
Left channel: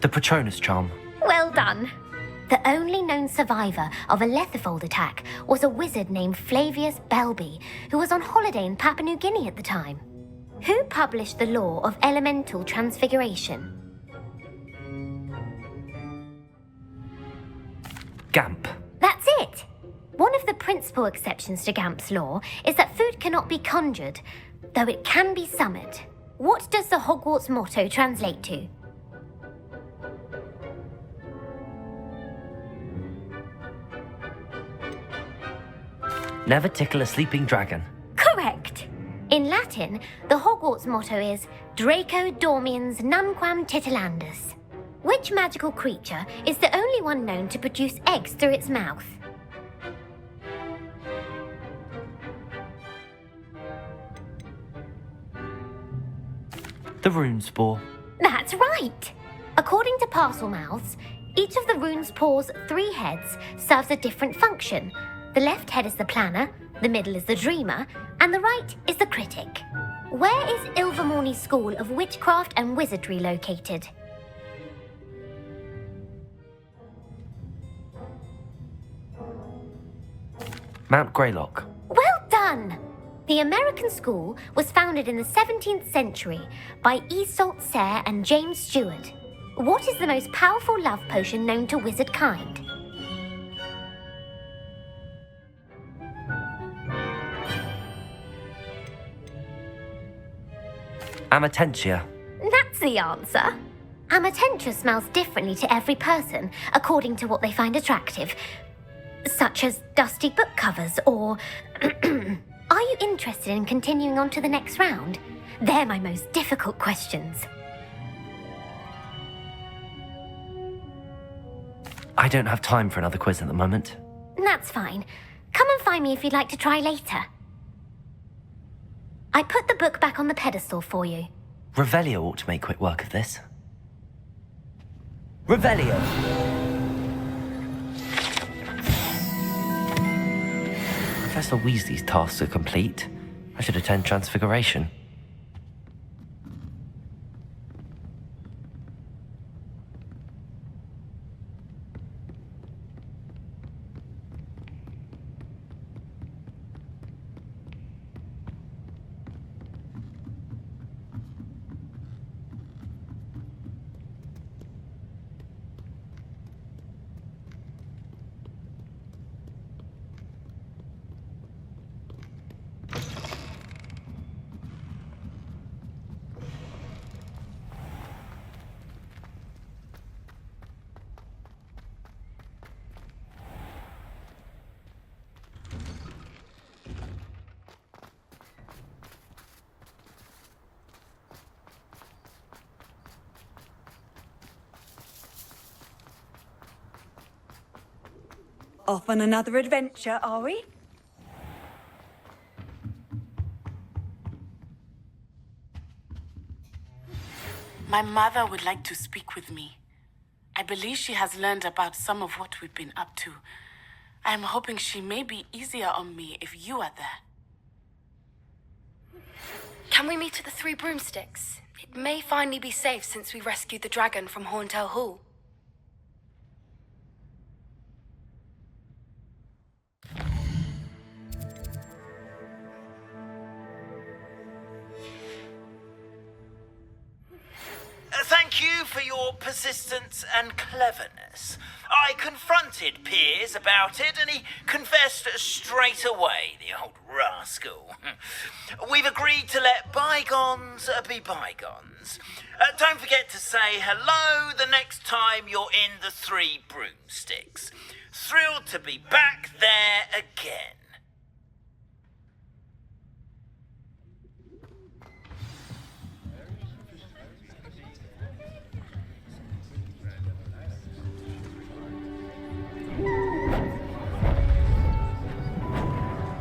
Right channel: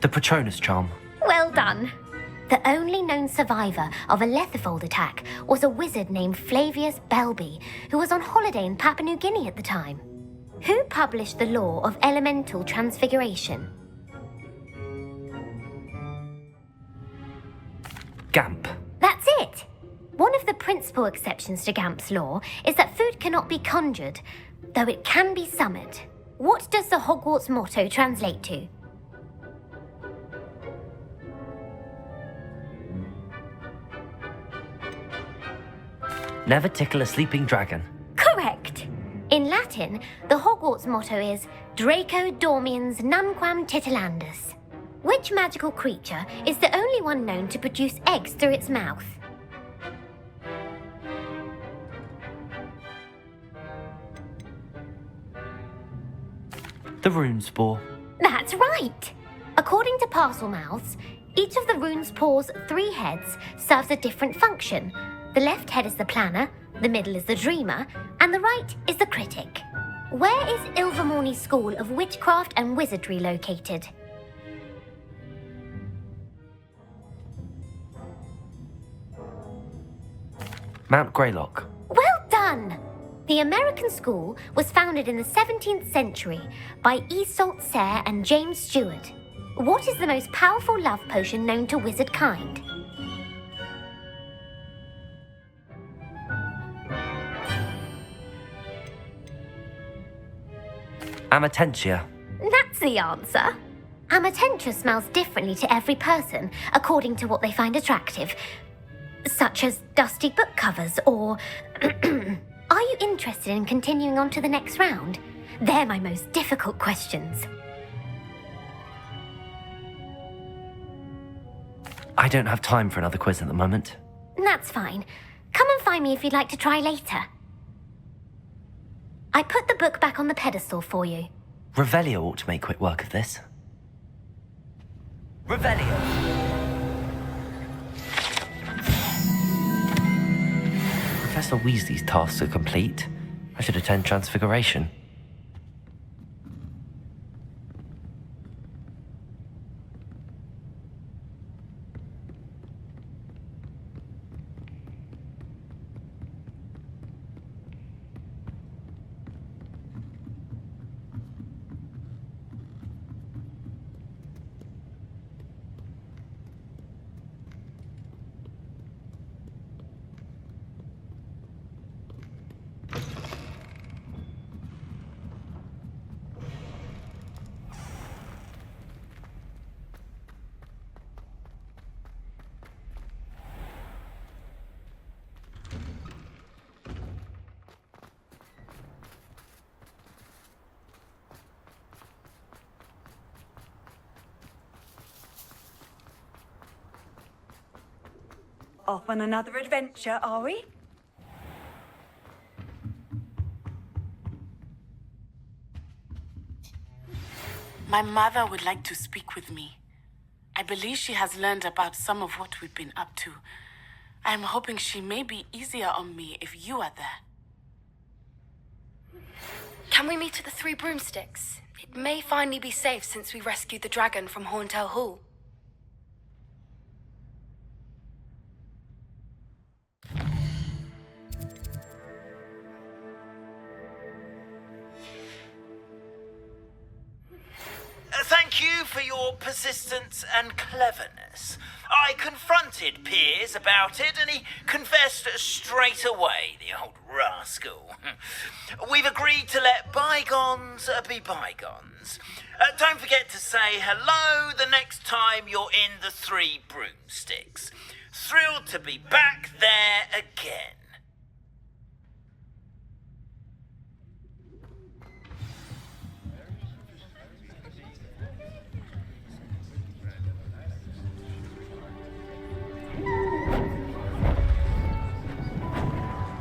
The Patronus charm. Well done. The only known survivor of a Lethifold attack was a wizard named Flavius Belby, who was on holiday in Papua New Guinea at the time. Who published the law of elemental transfiguration? Gamp. That's it! One of the principal exceptions to Gamp's law is that food cannot be conjured, though it can be summoned. What does the Hogwarts motto translate to? Never tickle a sleeping dragon. Correct! In Latin, the Hogwarts motto is Draco Dormiens Numquam Titilandus. Which magical creature is the only one known to produce eggs through its mouth? The rune spore. That's right! According to Parselmouths, each of the rune's paws' 3 heads serves a different function. The left head is the planner, the middle is the dreamer, and the right is the critic. Where is Ilvermorny's School of Witchcraft and Wizardry located? Mount Greylock. Well done! The American school was founded in the 17th century by Iseult Sayre and James Stewart. What is the most powerful love potion known to wizard kind? Amatentia. That's the answer. Amatentia smells differently to every person according to what they find attractive, such as dusty book covers or... Are you interested in continuing on to the next round? They're my most difficult questions. I don't have time for another quiz at the moment. That's fine. Come and find me if you'd like to try later. I put the book back on the pedestal for you. Revelio ought to make quick work of this. Revelio! Professor Weasley's tasks are complete. I should attend Transfiguration. Off on another adventure, are we? My mother would like to speak with me. I believe she has learned about some of what we've been up to. I am hoping she may be easier on me if you are there. Can we meet at the 3 Broomsticks? It may finally be safe since we rescued the dragon from Horntail Hall. Thank you for your persistence and cleverness. I confronted Piers about it, and he confessed straight away, the old rascal. We've agreed to let bygones be bygones. Don't forget to say hello the next time you're in the 3 Broomsticks. Thrilled to be back there again.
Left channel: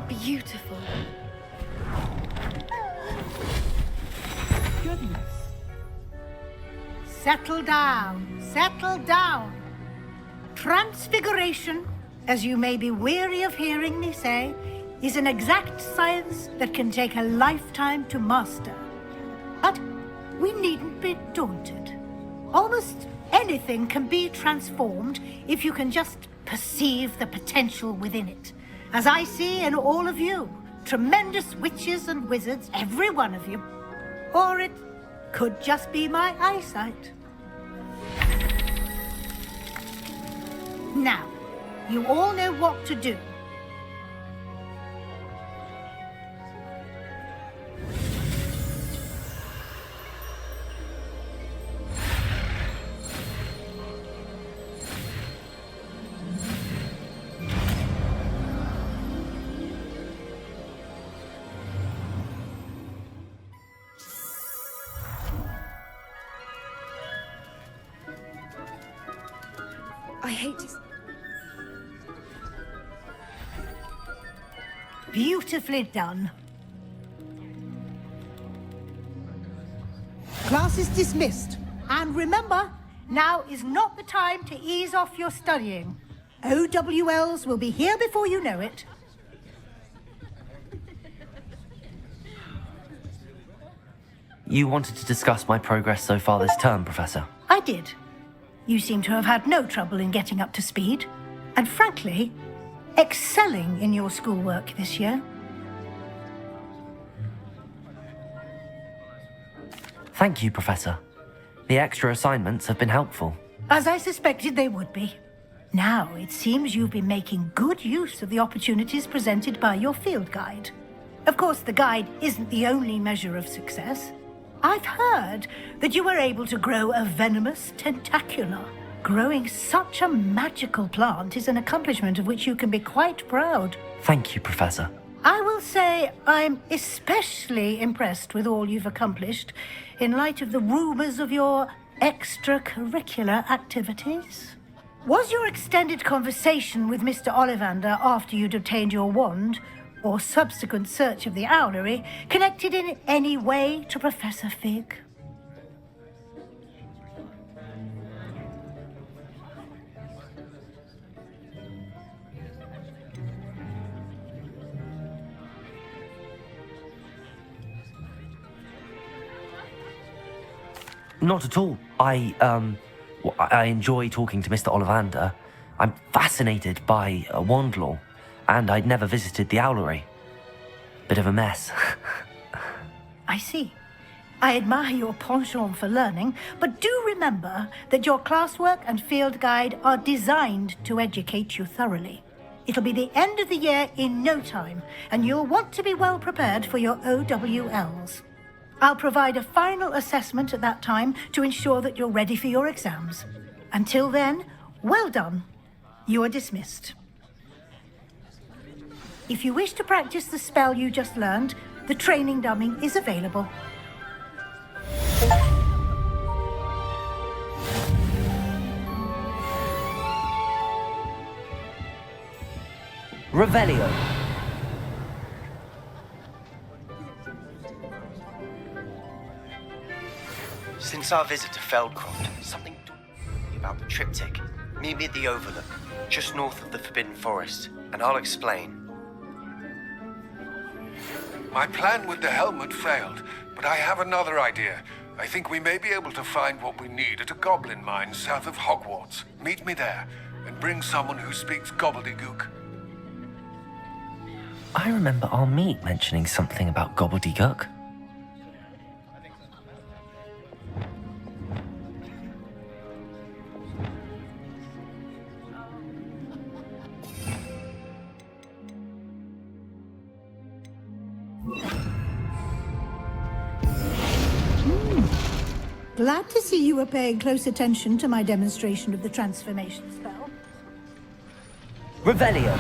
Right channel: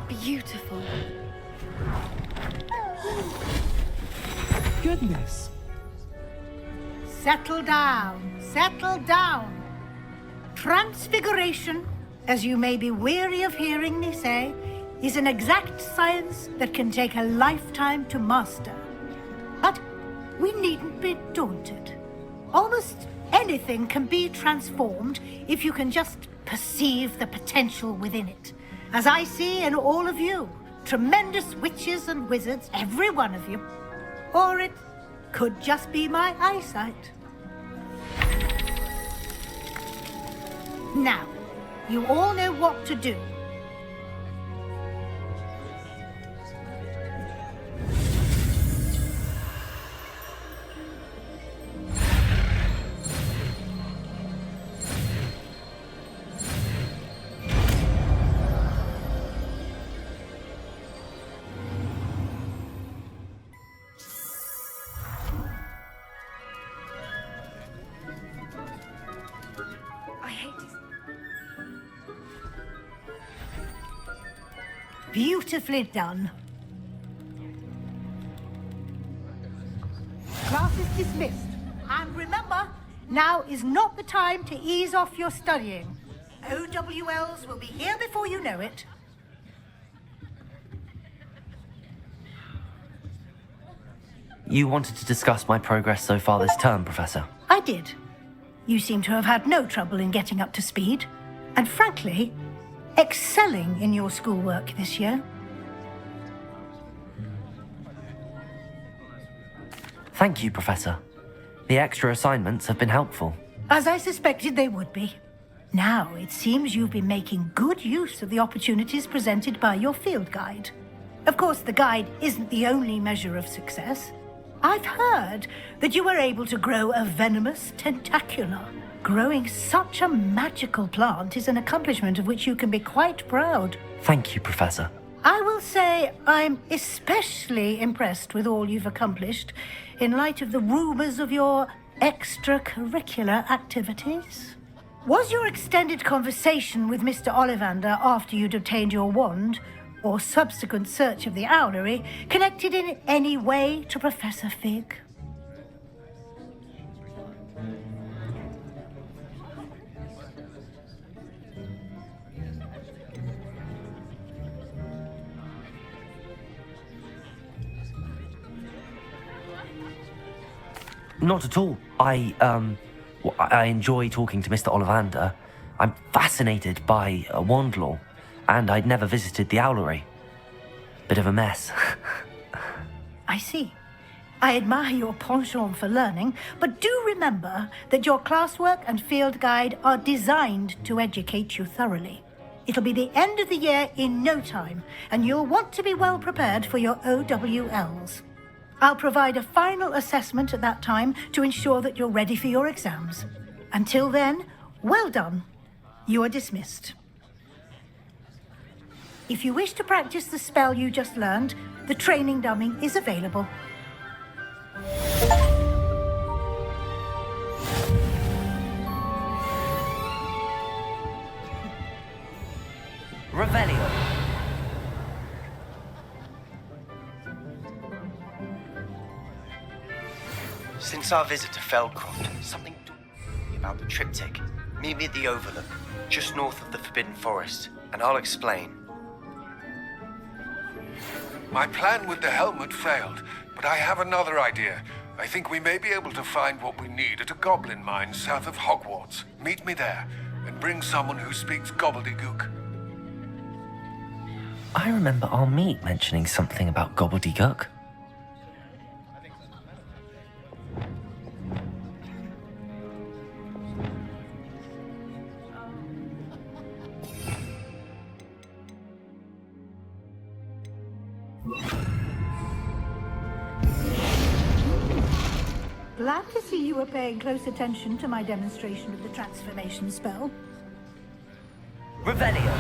Beautiful. Goodness. Settle down. Settle down. Transfiguration, as you may be weary of hearing me say, is an exact science that can take a lifetime to master. But we needn't be daunted. Almost any anything can be transformed if you can just perceive the potential within it. As I see in all of you, tremendous witches and wizards, every one of you. Or it could just be my eyesight. Now, you all know what to do. I hate to... Beautifully done. Class is dismissed. And remember, now is not the time to ease off your studying. OWLs will be here before you know it. You wanted to discuss my progress so far this term, Professor? I did. You seem to have had no trouble in getting up to speed. And frankly, excelling in your schoolwork this year. Thank you, Professor. The extra assignments have been helpful. As I suspected they would be. Now, it seems you've been making good use of the opportunities presented by your field guide. Of course, the guide isn't the only measure of success. I've heard that you were able to grow a venomous tentacula. Growing such a magical plant is an accomplishment of which you can be quite proud. Thank you, Professor. I will say I'm especially impressed with all you've accomplished in light of the rumors of your extracurricular activities. Was your extended conversation with Mr. Ollivander after you'd obtained your wand, or subsequent search of the owlery, connected in any way to Professor Fig? Not at all. I enjoy talking to Mr. Ollivander. I'm fascinated by wand law, and I'd never visited the owlery. Bit of a mess. I see. I admire your penchant for learning, but do remember that your classwork and field guide are designed to educate you thoroughly. It'll be the end of the year in no time, and you'll want to be well prepared for your OWLs. I'll provide a final assessment at that time to ensure that you're ready for your exams. Until then, well done. You are dismissed. If you wish to practice the spell you just learned, the training dummy is available. Revelio. Since our visit to Feldcroft, something dawned me about the triptych. Meet me at the Overlook, just north of the Forbidden Forest, and I'll explain. My plan with the helmet failed, but I have another idea. I think we may be able to find what we need at a goblin mine south of Hogwarts. Meet me there, and bring someone who speaks gobbledygook. I remember our meet mentioning something about gobbledygook. Glad to see you were paying close attention to my demonstration of the transformation spell. Revelio.